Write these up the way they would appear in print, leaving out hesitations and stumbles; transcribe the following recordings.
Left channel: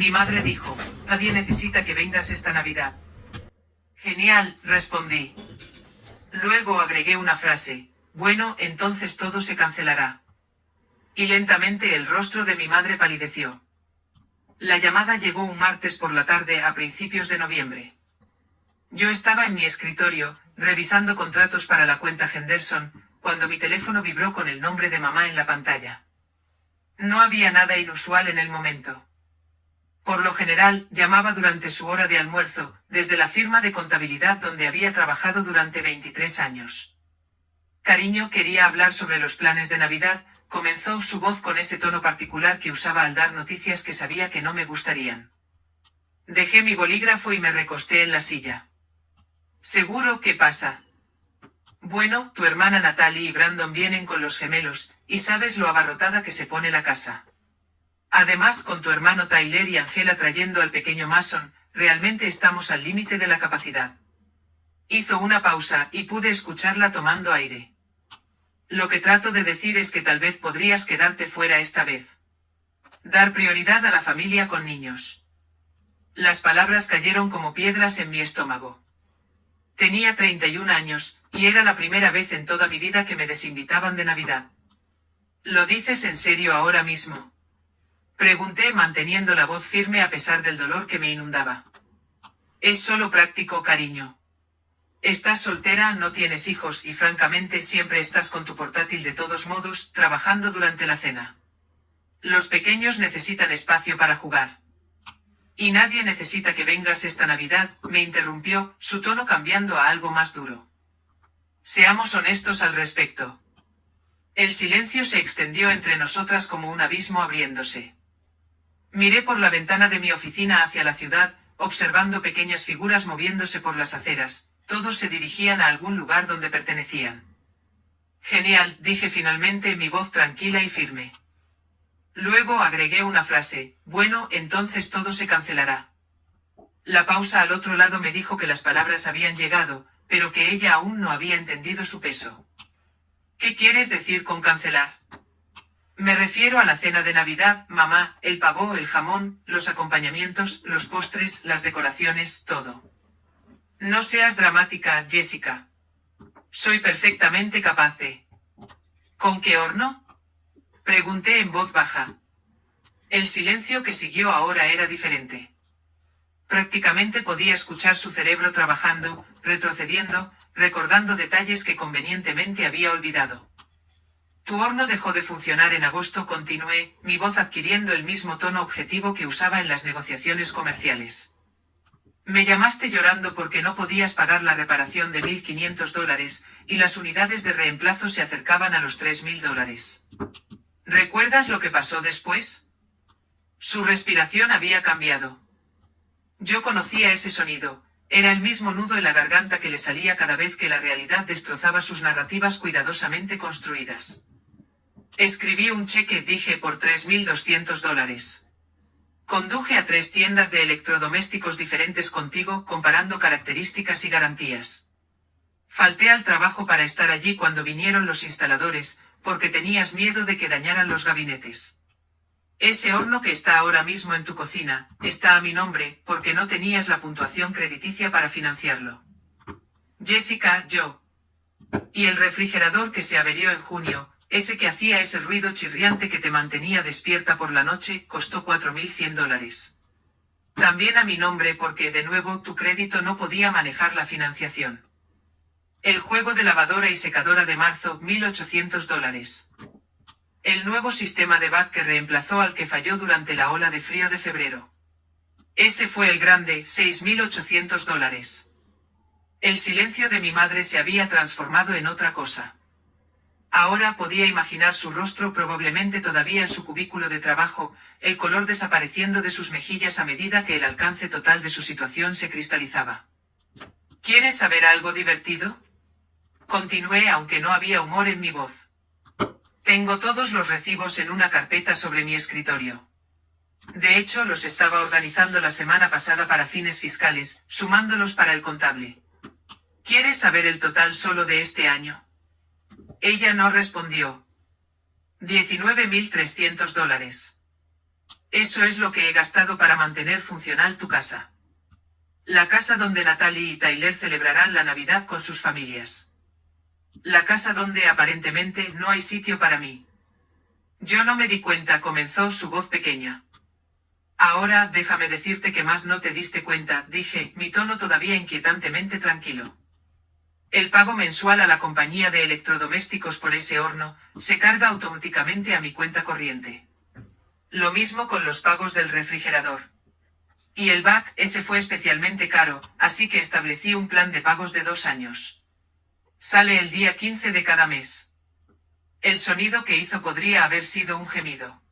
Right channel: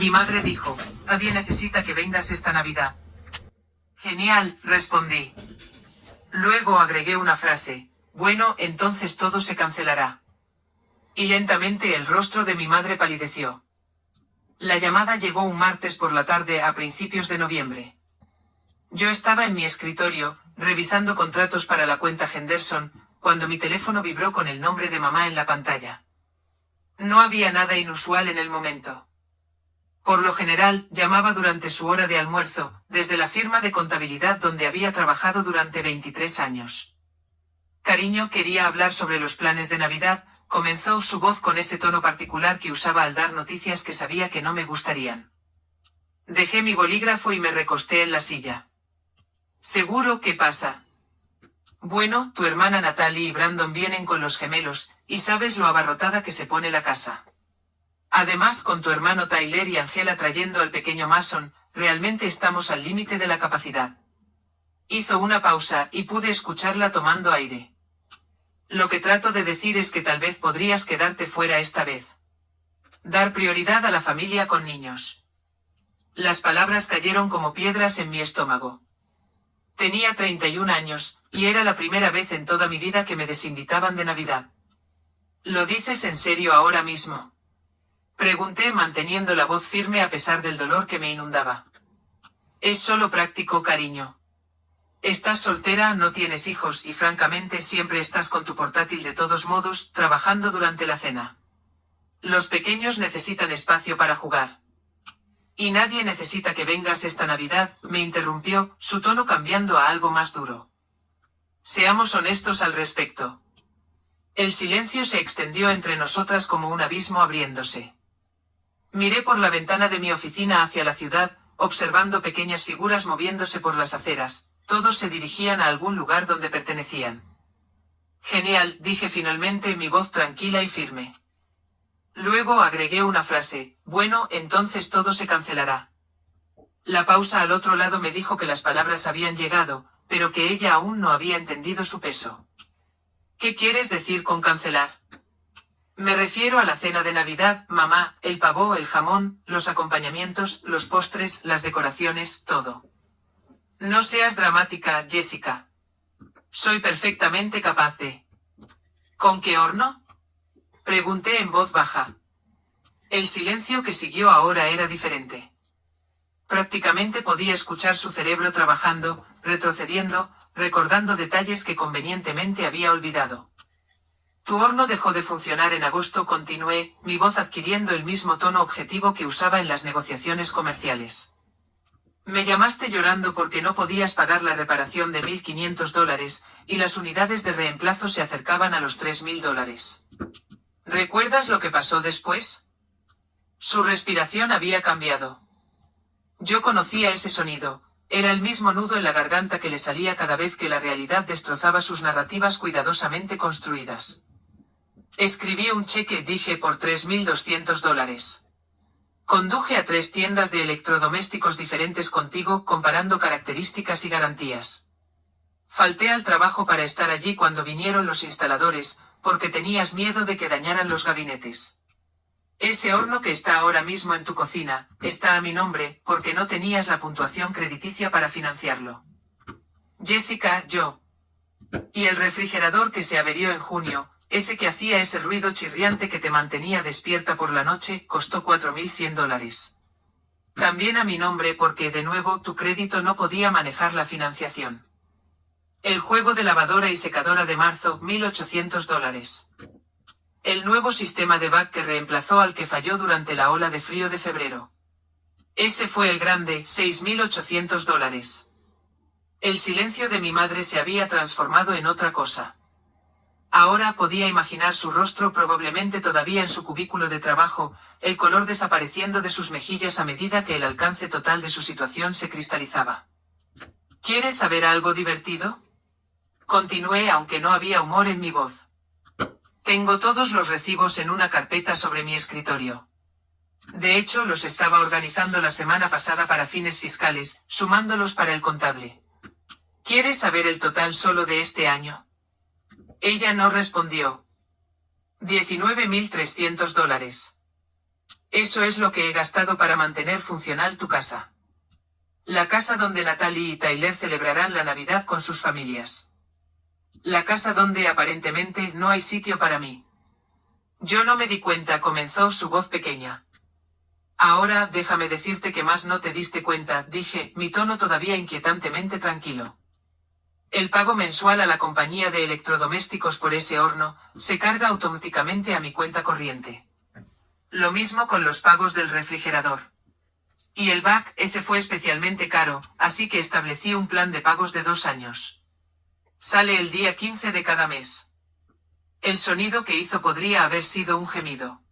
Mi madre dijo, nadie necesita que vengas esta Navidad. Genial, respondí. Luego agregué una frase, bueno, entonces todo se cancelará. Y lentamente el rostro de mi madre palideció. La llamada llegó un martes por la tarde a principios de noviembre. Yo estaba en mi escritorio, revisando contratos para la cuenta Henderson, cuando mi teléfono vibró con el nombre de mamá en la pantalla. No había nada inusual en el momento. Por lo general, llamaba durante su hora de almuerzo, desde la firma de contabilidad donde había trabajado durante 23 años. Cariño, quería hablar sobre los planes de Navidad, comenzó su voz con ese tono particular que usaba al dar noticias que sabía que no me gustarían. Dejé mi bolígrafo y me recosté en la silla. ¿Seguro? ¿Qué pasa? Bueno, tu hermana Natalie y Brandon vienen con los gemelos, y sabes lo abarrotada que se pone la casa. Además, con tu hermano Tyler y Angela trayendo al pequeño Mason, realmente estamos al límite de la capacidad. Hizo una pausa, y pude escucharla tomando aire. Lo que trato de decir es que tal vez podrías quedarte fuera esta vez. Dar prioridad a la familia con niños. Las palabras cayeron como piedras en mi estómago. Tenía 31 años, y era la primera vez en toda mi vida que me desinvitaban de Navidad. ¿Lo dices en serio ahora mismo? Pregunté manteniendo la voz firme a pesar del dolor que me inundaba. Es solo práctico, cariño. Estás soltera, no tienes hijos y francamente siempre estás con tu portátil de todos modos, trabajando durante la cena. Los pequeños necesitan espacio para jugar. Y nadie necesita que vengas esta Navidad, me interrumpió, su tono cambiando a algo más duro. Seamos honestos al respecto. El silencio se extendió entre nosotras como un abismo abriéndose. Miré por la ventana de mi oficina hacia la ciudad, observando pequeñas figuras moviéndose por las aceras. Todos se dirigían a algún lugar donde pertenecían. Genial, dije finalmente, mi voz tranquila y firme. Luego agregué una frase, bueno, entonces todo se cancelará. La pausa al otro lado me dijo que las palabras habían llegado, pero que ella aún no había entendido su peso. ¿Qué quieres decir con cancelar? Me refiero a la cena de Navidad, mamá, el pavó, el jamón, los acompañamientos, los postres, las decoraciones, todo. No seas dramática, Jessica. Soy perfectamente capaz de... ¿Con qué horno? Pregunté en voz baja. El silencio que siguió ahora era diferente. Prácticamente podía escuchar su cerebro trabajando, retrocediendo, recordando detalles que convenientemente había olvidado. Tu horno dejó de funcionar en agosto, continué, mi voz adquiriendo el mismo tono objetivo que usaba en las negociaciones comerciales. Me llamaste llorando porque no podías pagar la reparación de $1.500, y las unidades de reemplazo se acercaban a los $3.000. ¿Recuerdas lo que pasó después? Su respiración había cambiado. Yo conocía ese sonido, era el mismo nudo en la garganta que le salía cada vez que la realidad destrozaba sus narrativas cuidadosamente construidas. Escribí un cheque, dije, por $3.200. Conduje a 3 tiendas de electrodomésticos diferentes contigo, comparando características y garantías. Falté al trabajo para estar allí cuando vinieron los instaladores, porque tenías miedo de que dañaran los gabinetes. Ese horno que está ahora mismo en tu cocina, está a mi nombre, porque no tenías la puntuación crediticia para financiarlo. Jessica, yo. Y el refrigerador que se averió en junio, ese que hacía ese ruido chirriante que te mantenía despierta por la noche, costó $4.100. También a mi nombre porque, de nuevo, tu crédito no podía manejar la financiación. El juego de lavadora y secadora de marzo, $1.800. El nuevo sistema de back que reemplazó al que falló durante la ola de frío de febrero. Ese fue el grande, $6.800. El silencio de mi madre se había transformado en otra cosa. Ahora podía imaginar su rostro, probablemente todavía en su cubículo de trabajo, el color desapareciendo de sus mejillas a medida que el alcance total de su situación se cristalizaba. ¿Quieres saber algo divertido? Continué, aunque no había humor en mi voz. Tengo todos los recibos en una carpeta sobre mi escritorio. De hecho, los estaba organizando la semana pasada para fines fiscales, sumándolos para el contable. ¿Quieres saber el total solo de este año? Ella no respondió. $19.300. Eso es lo que he gastado para mantener funcional tu casa. La casa donde Natalie y Tyler celebrarán la Navidad con sus familias. La casa donde aparentemente no hay sitio para mí. Yo no me di cuenta, comenzó su voz pequeña. Ahora, déjame decirte que más no te diste cuenta, dije, mi tono todavía inquietantemente tranquilo. El pago mensual a la compañía de electrodomésticos por ese horno, se carga automáticamente a mi cuenta corriente. Lo mismo con los pagos del refrigerador. Y el back, ese fue especialmente caro, así que establecí un plan de pagos de 2 años. Sale el día 15 de cada mes. El sonido que hizo podría haber sido un gemido.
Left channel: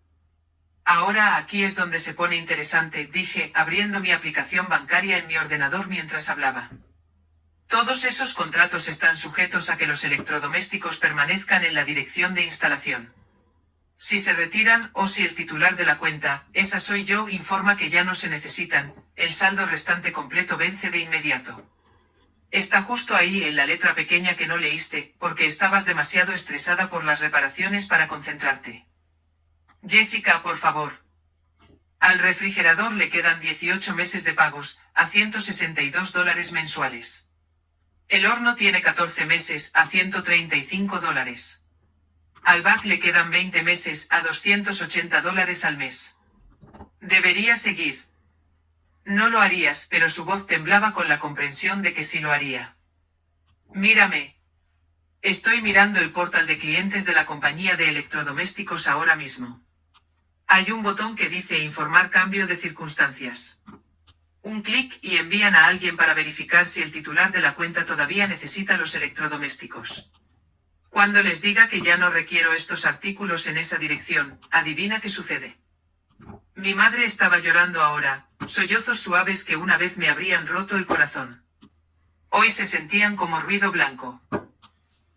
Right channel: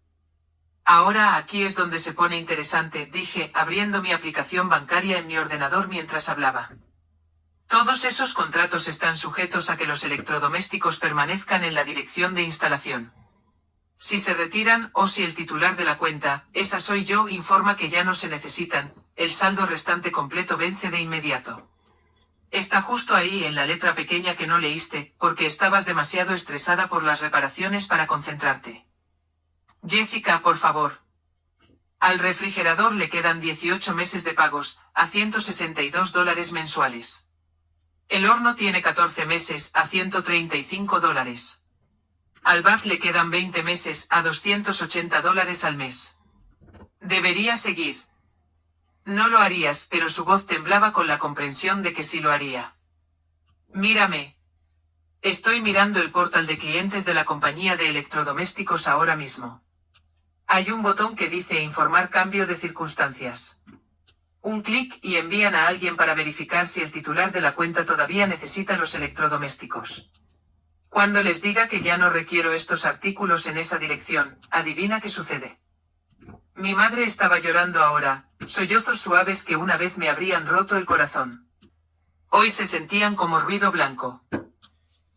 Ahora aquí es donde se pone interesante, dije, abriendo mi aplicación bancaria en mi ordenador mientras hablaba. Todos esos contratos están sujetos a que los electrodomésticos permanezcan en la dirección de instalación. Si se retiran, o si el titular de la cuenta, esa soy yo, informa que ya no se necesitan, el saldo restante completo vence de inmediato. Está justo ahí en la letra pequeña que no leíste, porque estabas demasiado estresada por las reparaciones para concentrarte. Jessica, por favor. Al refrigerador le quedan 18 meses de pagos, a $162 mensuales. El horno tiene 14 meses, a $135. Al back le quedan 20 meses, a $280 al mes. Debería seguir. No lo harías, pero su voz temblaba con la comprensión de que sí lo haría. Mírame. Estoy mirando el portal de clientes de la compañía de electrodomésticos ahora mismo. Hay un botón que dice informar cambio de circunstancias. Un clic y envían a alguien para verificar si el titular de la cuenta todavía necesita los electrodomésticos. Cuando les diga que ya no requiero estos artículos en esa dirección, adivina qué sucede. Mi madre estaba llorando ahora, sollozos suaves que una vez me habrían roto el corazón. Hoy se sentían como ruido blanco.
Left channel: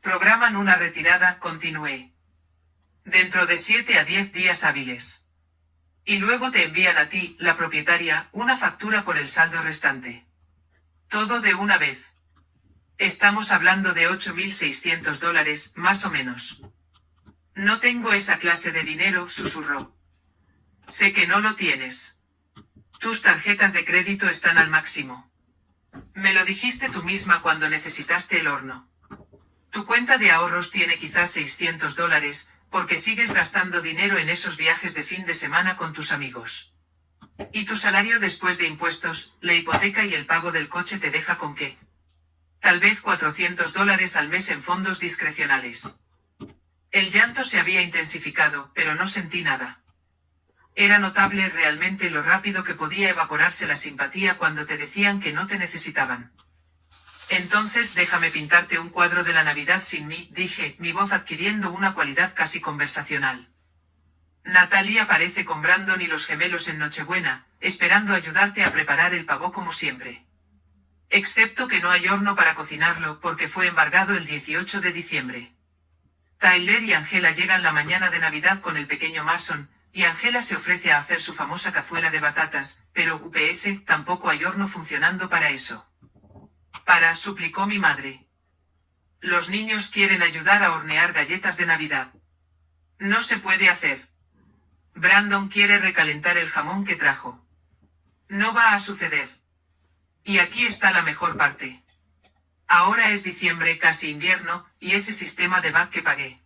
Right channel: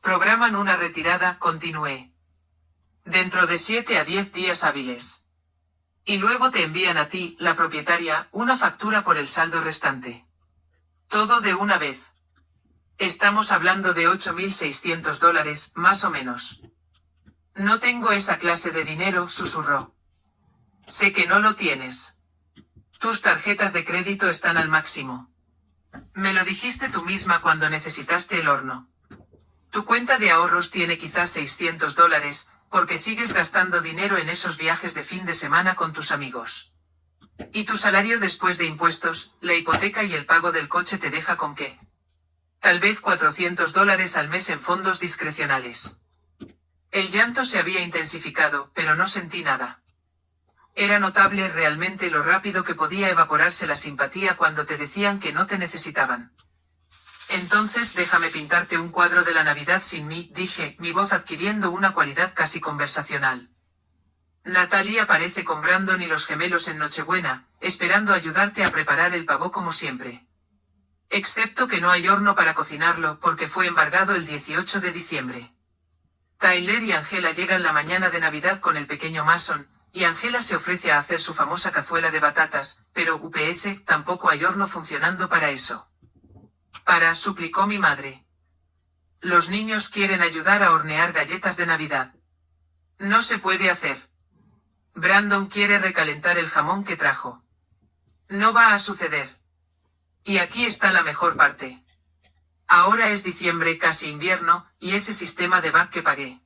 Programan una retirada, continué. Dentro de 7 a 10 días hábiles. Y luego te envían a ti, la propietaria, una factura por el saldo restante. Todo de una vez. Estamos hablando de $8.600, más o menos. No tengo esa clase de dinero, susurró. Sé que no lo tienes. Tus tarjetas de crédito están al máximo. Me lo dijiste tú misma cuando necesitaste el horno. Tu cuenta de ahorros tiene quizás $600, porque sigues gastando dinero en esos viajes de fin de semana con tus amigos. Y tu salario después de impuestos, la hipoteca y el pago del coche te deja con qué. Tal vez $400 al mes en fondos discrecionales. El llanto se había intensificado, pero no sentí nada. Era notable realmente lo rápido que podía evaporarse la simpatía cuando te decían que no te necesitaban. Entonces déjame pintarte un cuadro de la Navidad sin mí, dije, mi voz adquiriendo una cualidad casi conversacional. Natalie aparece con Brandon y los gemelos en Nochebuena, esperando ayudarte a preparar el pavo como siempre. Excepto que no hay horno para cocinarlo, porque fue embargado el 18 de diciembre. Tyler y Angela llegan la mañana de Navidad con el pequeño Mason, y Angela se ofrece a hacer su famosa cazuela de batatas, pero UPS, tampoco hay horno funcionando para eso. Suplicó mi madre. Los niños quieren ayudar a hornear galletas de Navidad. No se puede hacer. Brandon quiere recalentar el jamón que trajo. No va a suceder. Y aquí está la mejor parte. Ahora es diciembre, casi invierno, y ese sistema de back que pagué.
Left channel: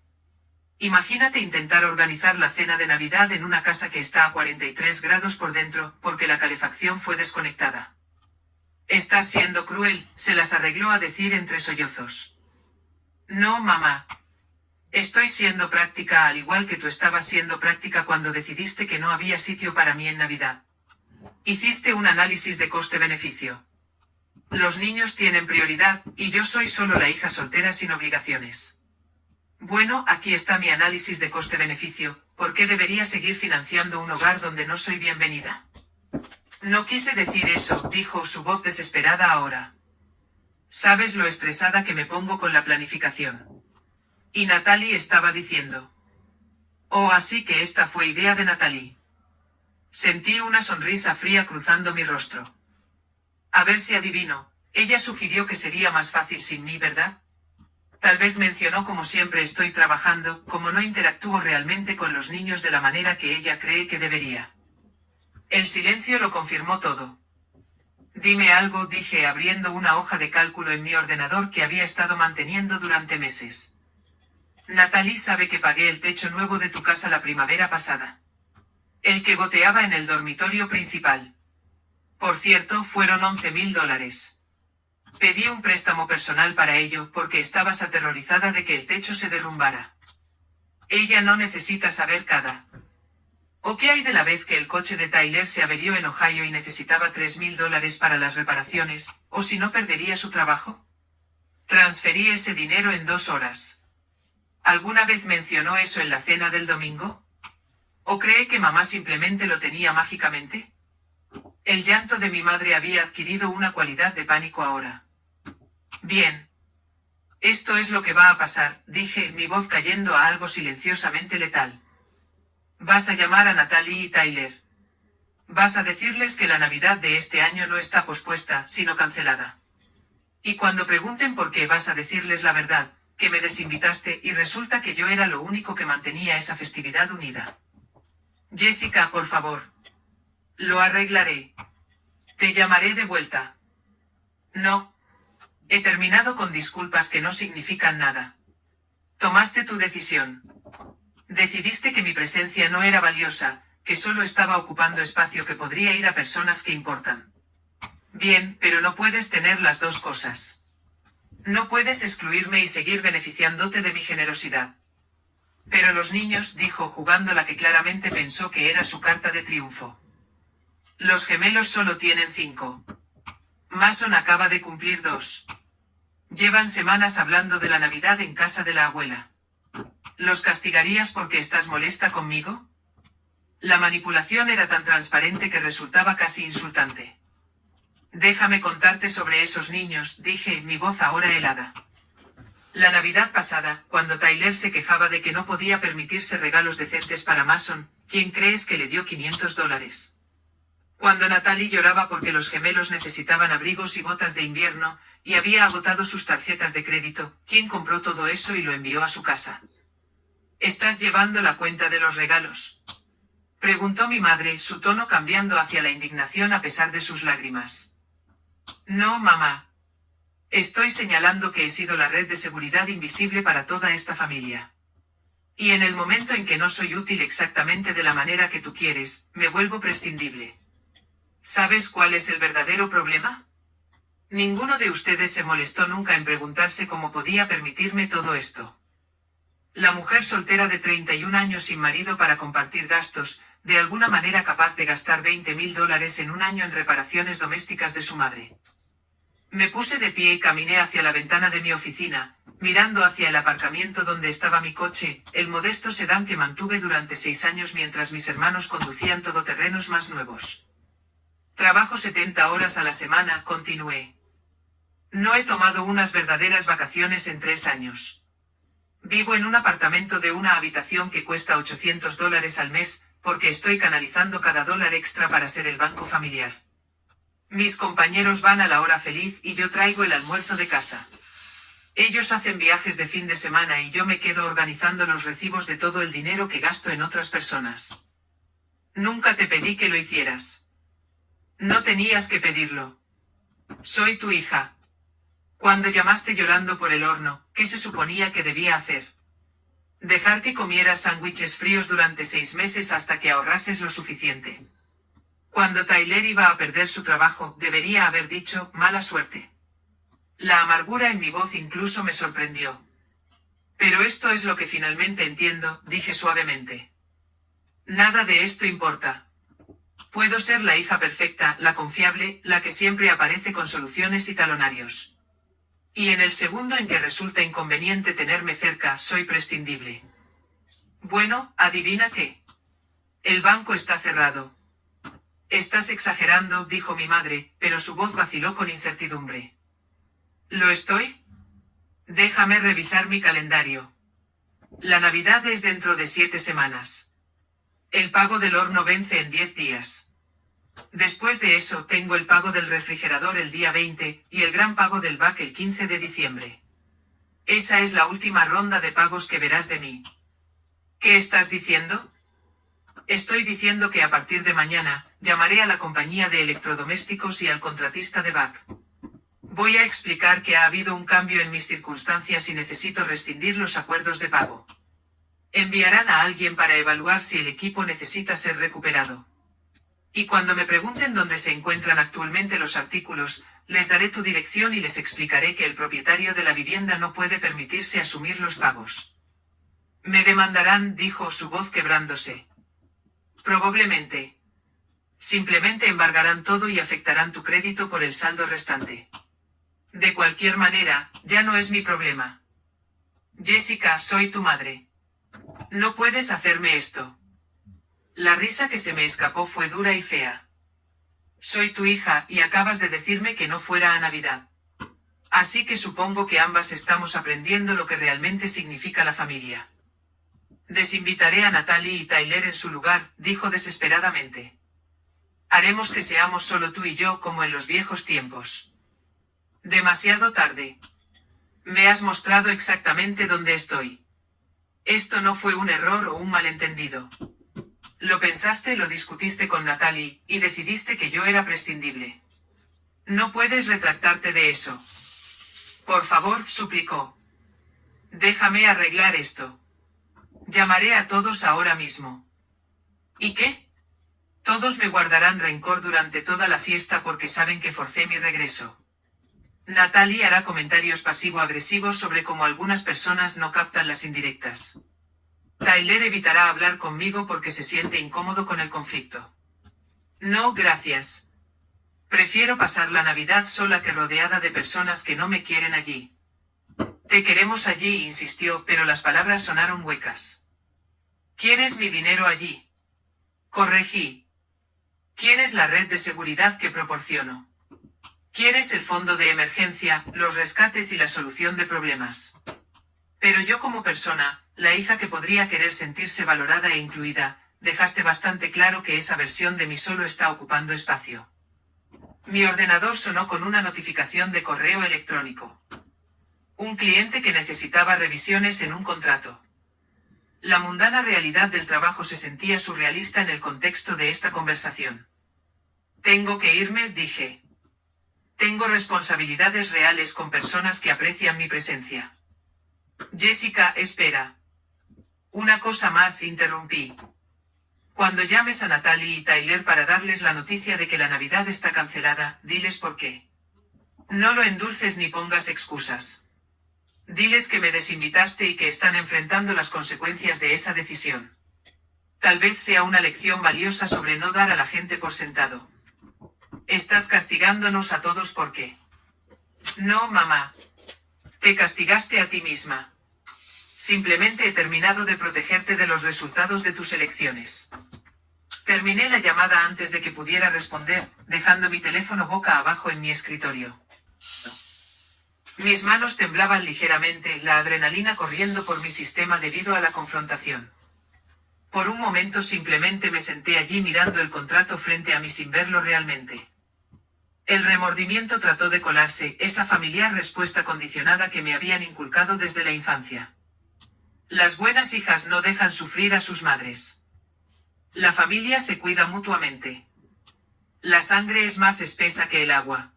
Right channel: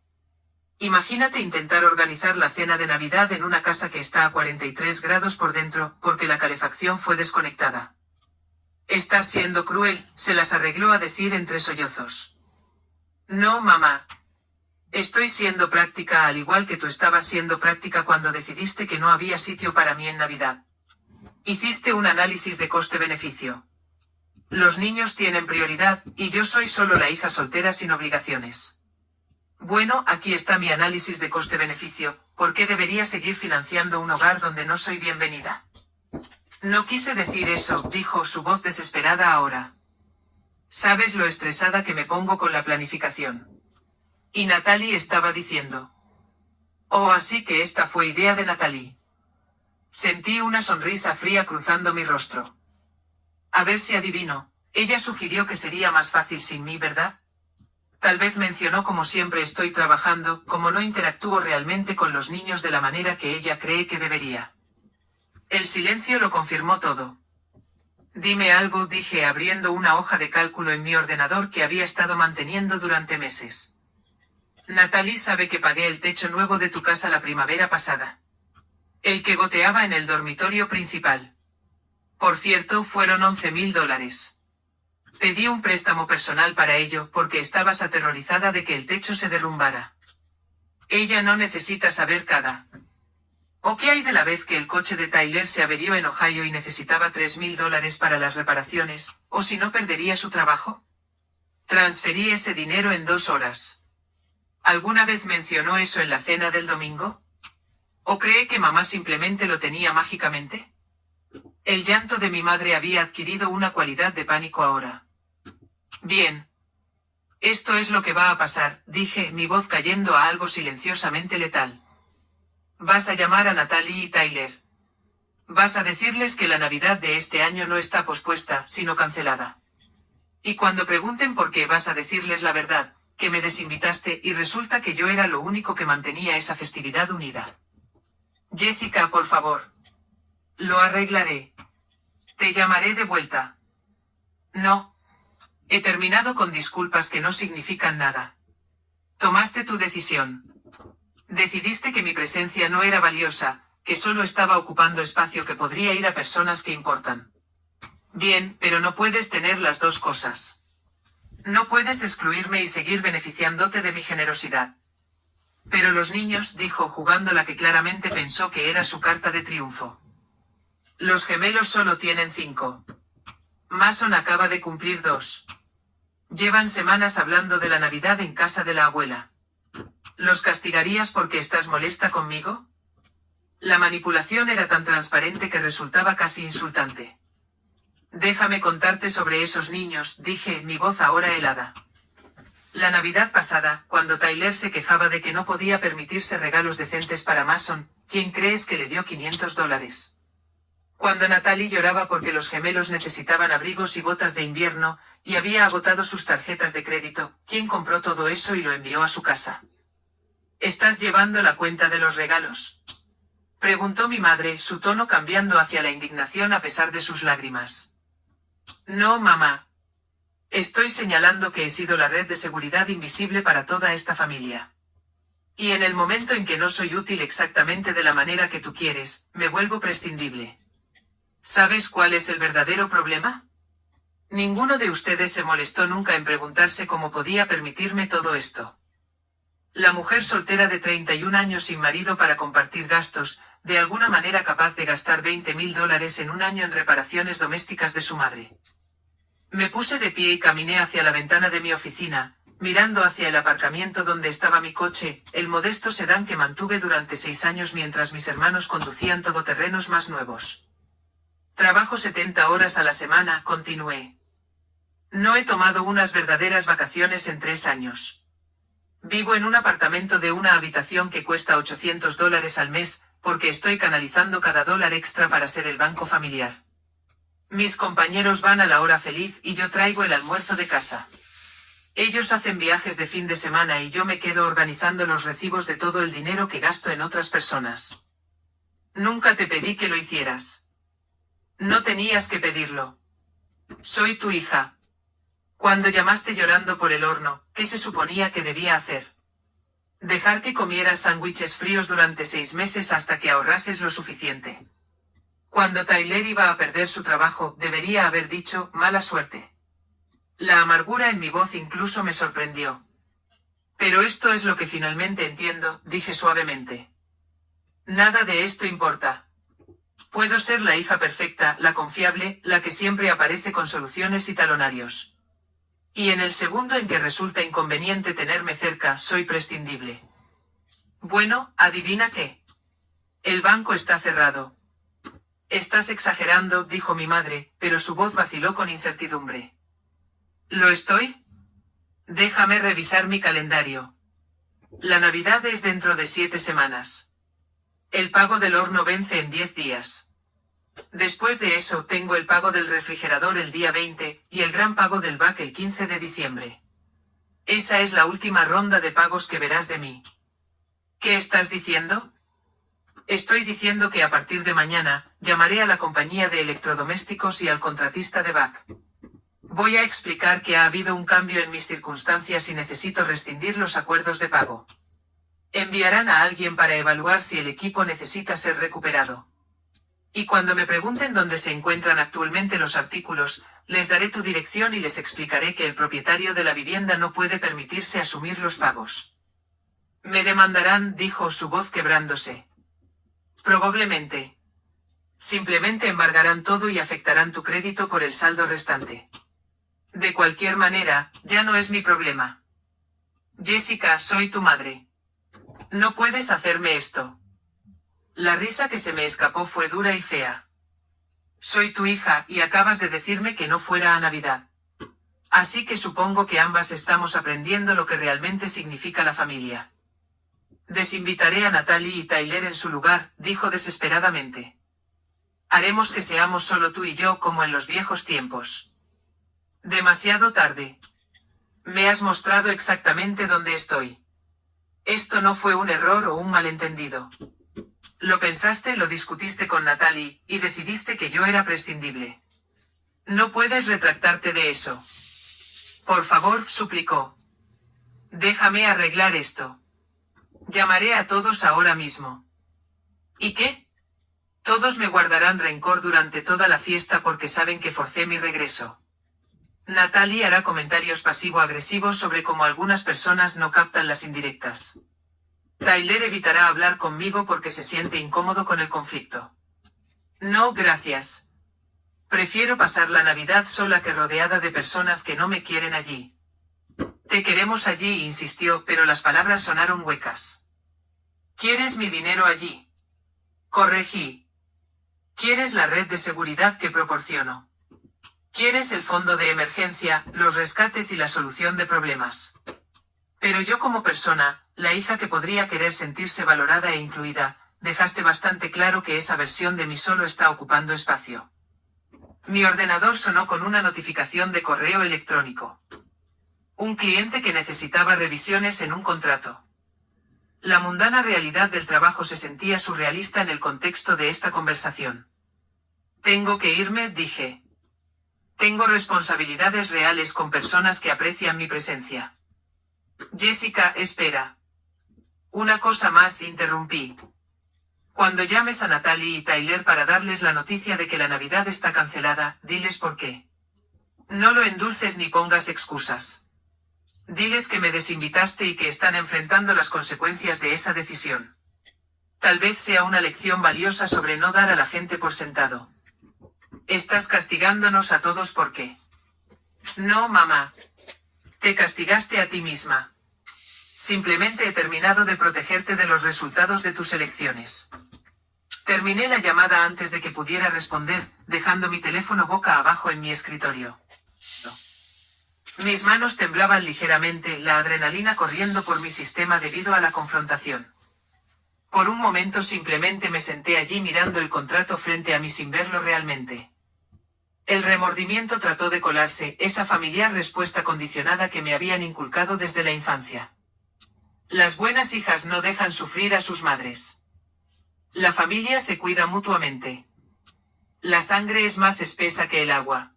Imagínate intentar organizar la cena de Navidad en una casa que está a 43 grados por dentro, porque la calefacción fue desconectada. Estás siendo cruel, se las arregló a decir entre sollozos. No, mamá. Estoy siendo práctica al igual que tú estabas siendo práctica cuando decidiste que no había sitio para mí en Navidad. Hiciste un análisis de coste-beneficio. Los niños tienen prioridad, y yo soy solo la hija soltera sin obligaciones. Bueno, aquí está mi análisis de coste-beneficio, ¿por qué debería seguir financiando un hogar donde no soy bienvenida? No quise decir eso, dijo su voz desesperada ahora. Sabes lo estresada que me pongo con la planificación. Y Natalie estaba diciendo. Oh, así que esta fue idea de Natalie. Sentí una sonrisa fría cruzando mi rostro. A ver si adivino, ella sugirió que sería más fácil sin mí, ¿verdad? Tal vez mencionó como siempre estoy trabajando, como no interactúo realmente con los niños de la manera que ella cree que debería. El silencio lo confirmó todo. Dime algo, dije abriendo una hoja de cálculo en mi ordenador que había estado manteniendo durante meses. Natalie sabe que pagué el techo nuevo de tu casa la primavera pasada. El que goteaba en el dormitorio principal. Por cierto, fueron $11.000. Pedí un préstamo personal para ello porque estabas aterrorizada de que el techo se derrumbara. Ella no necesita saber cada. ¿O qué hay de la vez que el coche de Tyler se averió en Ohio y necesitaba $3.000 para las reparaciones, o si no perdería su trabajo? Transferí ese dinero en 2 horas. ¿Alguna vez mencionó eso en la cena del domingo? ¿O cree que mamá simplemente lo tenía mágicamente? El llanto de mi madre había adquirido una cualidad de pánico ahora. Bien. Esto es lo que va a pasar, dije, mi voz cayendo a algo silenciosamente letal. Vas a llamar a Natalie y Tyler. Vas a decirles que la Navidad de este año no está pospuesta, sino cancelada. Y cuando pregunten por qué, vas a decirles la verdad, que me desinvitaste y resulta que yo era lo único que mantenía esa festividad unida. Jessica, por favor. Lo arreglaré. Te llamaré de vuelta. No. He terminado con disculpas que no significan nada. Tomaste tu decisión. Decidiste que mi presencia no era valiosa, que solo estaba ocupando espacio que podría ir a personas que importan. Bien, pero no puedes tener las dos cosas. No puedes excluirme y seguir beneficiándote de mi generosidad. Pero los niños, dijo jugando la que claramente pensó que era su carta de triunfo. Los gemelos solo tienen 5. Mason acaba de cumplir 2. Llevan semanas hablando de la Navidad en casa de la abuela. ¿Los castigarías porque estás molesta conmigo? La manipulación era tan transparente que resultaba casi insultante. Déjame contarte sobre esos niños, dije, mi voz ahora helada. La Navidad pasada, cuando Tyler se quejaba de que no podía permitirse regalos decentes para Mason, ¿quién crees que le dio $500? Cuando Natalie lloraba porque los gemelos necesitaban abrigos y botas de invierno, y había agotado sus tarjetas de crédito, ¿quién compró todo eso y lo envió a su casa? ¿Estás llevando la cuenta de los regalos? Preguntó mi madre, su tono cambiando hacia la indignación a pesar de sus lágrimas. No, mamá. Estoy señalando que he sido la red de seguridad invisible para toda esta familia. Y en el momento en que no soy útil exactamente de la manera que tú quieres, me vuelvo prescindible. ¿Sabes cuál es el verdadero problema? Ninguno de ustedes se molestó nunca en preguntarse cómo podía permitirme todo esto. La mujer soltera de 31 años sin marido para compartir gastos, de alguna manera capaz de gastar $20.000 en un año en reparaciones domésticas de su madre. Me puse de pie y caminé hacia la ventana de mi oficina, mirando hacia el aparcamiento donde estaba mi coche, el modesto sedán que mantuve durante 6 años mientras mis hermanos conducían todoterrenos más nuevos. Trabajo 70 horas a la semana, continué. No he tomado unas verdaderas vacaciones en 3 años. Vivo en un apartamento de una habitación que cuesta $800 al mes, porque estoy canalizando cada dólar extra para ser el banco familiar. Mis compañeros van a la hora feliz y yo traigo el almuerzo de casa. Ellos hacen viajes de fin de semana y yo me quedo organizando los recibos de todo el dinero que gasto en otras personas. Nunca te pedí que lo hicieras. No tenías que pedirlo. Soy tu hija. Cuando llamaste llorando por el horno, ¿qué se suponía que debía hacer? Dejar que comieras sándwiches fríos durante 6 meses hasta que ahorrases lo suficiente. Cuando Tyler iba a perder su trabajo, debería haber dicho, mala suerte. La amargura en mi voz incluso me sorprendió. Pero esto es lo que finalmente entiendo, dije suavemente. Nada de esto importa. Puedo ser la hija perfecta, la confiable, la que siempre aparece con soluciones y talonarios. Y en el segundo en que resulta inconveniente tenerme cerca, soy prescindible. Bueno, ¿adivina qué? El banco está cerrado. Estás exagerando, dijo mi madre, pero su voz vaciló con incertidumbre. ¿Lo estoy? Déjame revisar mi calendario. La Navidad es dentro de 7 semanas. El pago del horno vence en 10 días. Después de eso tengo el pago del refrigerador el día 20, y el gran pago del BAC el 15 de diciembre. Esa es la última ronda de pagos que verás de mí. ¿Qué estás diciendo? Estoy diciendo que a partir de mañana, llamaré a la compañía de electrodomésticos y al contratista de Back. Voy a explicar que ha habido un cambio en mis circunstancias y necesito rescindir los acuerdos de pago. Enviarán a alguien para evaluar si el equipo necesita ser recuperado. Y cuando me pregunten dónde se encuentran actualmente los artículos, les daré tu dirección y les explicaré que el propietario de la vivienda no puede permitirse asumir los pagos. Me demandarán, dijo su voz quebrándose. Probablemente. Simplemente embargarán todo y afectarán tu crédito por el saldo restante. De cualquier manera, ya no es mi problema. Jessica, soy tu madre. No puedes hacerme esto. La risa que se me escapó fue dura y fea. Soy tu hija, y acabas de decirme que no fuera a Navidad. Así que supongo que ambas estamos aprendiendo lo que realmente significa la familia. Desinvitaré a Natalie y Tyler en su lugar, dijo desesperadamente. Haremos que seamos solo tú y yo como en los viejos tiempos. Demasiado tarde. Me has mostrado exactamente dónde estoy. Esto no fue un error o un malentendido. Lo pensaste, lo discutiste con Natalie, y decidiste que yo era prescindible. No puedes retractarte de eso. Por favor, suplicó. Déjame arreglar esto. Llamaré a todos ahora mismo. ¿Y qué? Todos me guardarán rencor durante toda la fiesta porque saben que forcé mi regreso. Natalie hará comentarios pasivo-agresivos sobre cómo algunas personas no captan las indirectas. Tyler evitará hablar conmigo porque se siente incómodo con el conflicto. No, gracias. Prefiero pasar la Navidad sola que rodeada de personas que no me quieren allí. Te queremos allí, insistió, pero las palabras sonaron huecas. ¿Quieres mi dinero allí? Corregí. ¿Quieres la red de seguridad que proporciono? ¿Quieres el fondo de emergencia, los rescates y la solución de problemas? Pero yo como persona, la hija que podría querer sentirse valorada e incluida, dejaste bastante claro que esa versión de mí solo está ocupando espacio. Mi ordenador sonó con una notificación de correo electrónico. Un cliente que necesitaba revisiones en un contrato. La mundana realidad del trabajo se sentía surrealista en el contexto de esta conversación. Tengo que irme, dije. Tengo responsabilidades reales con personas que aprecian mi presencia. Jessica, espera. Una cosa más, interrumpí. Cuando llames a Natalie y Tyler para darles la noticia de que la Navidad está cancelada, diles por qué. No lo endulces ni pongas excusas. Diles que me desinvitaste y que están enfrentando las consecuencias de esa decisión. Tal vez sea una lección valiosa sobre no dar a la gente por sentado. Estás castigándonos a todos ¿por qué? No, mamá. Te castigaste a ti misma. Simplemente he terminado de protegerte de los resultados de tus elecciones. Terminé la llamada antes de que pudiera responder, dejando mi teléfono boca abajo en mi escritorio. Mis manos temblaban ligeramente, la adrenalina corriendo por mi sistema debido a la confrontación. Por un momento simplemente me senté allí mirando el contrato frente a mí sin verlo realmente. El remordimiento trató de colarse, esa familiar respuesta condicionada que me habían inculcado desde la infancia. Las buenas hijas no dejan sufrir a sus madres. La familia se cuida mutuamente. La sangre es más espesa que el agua.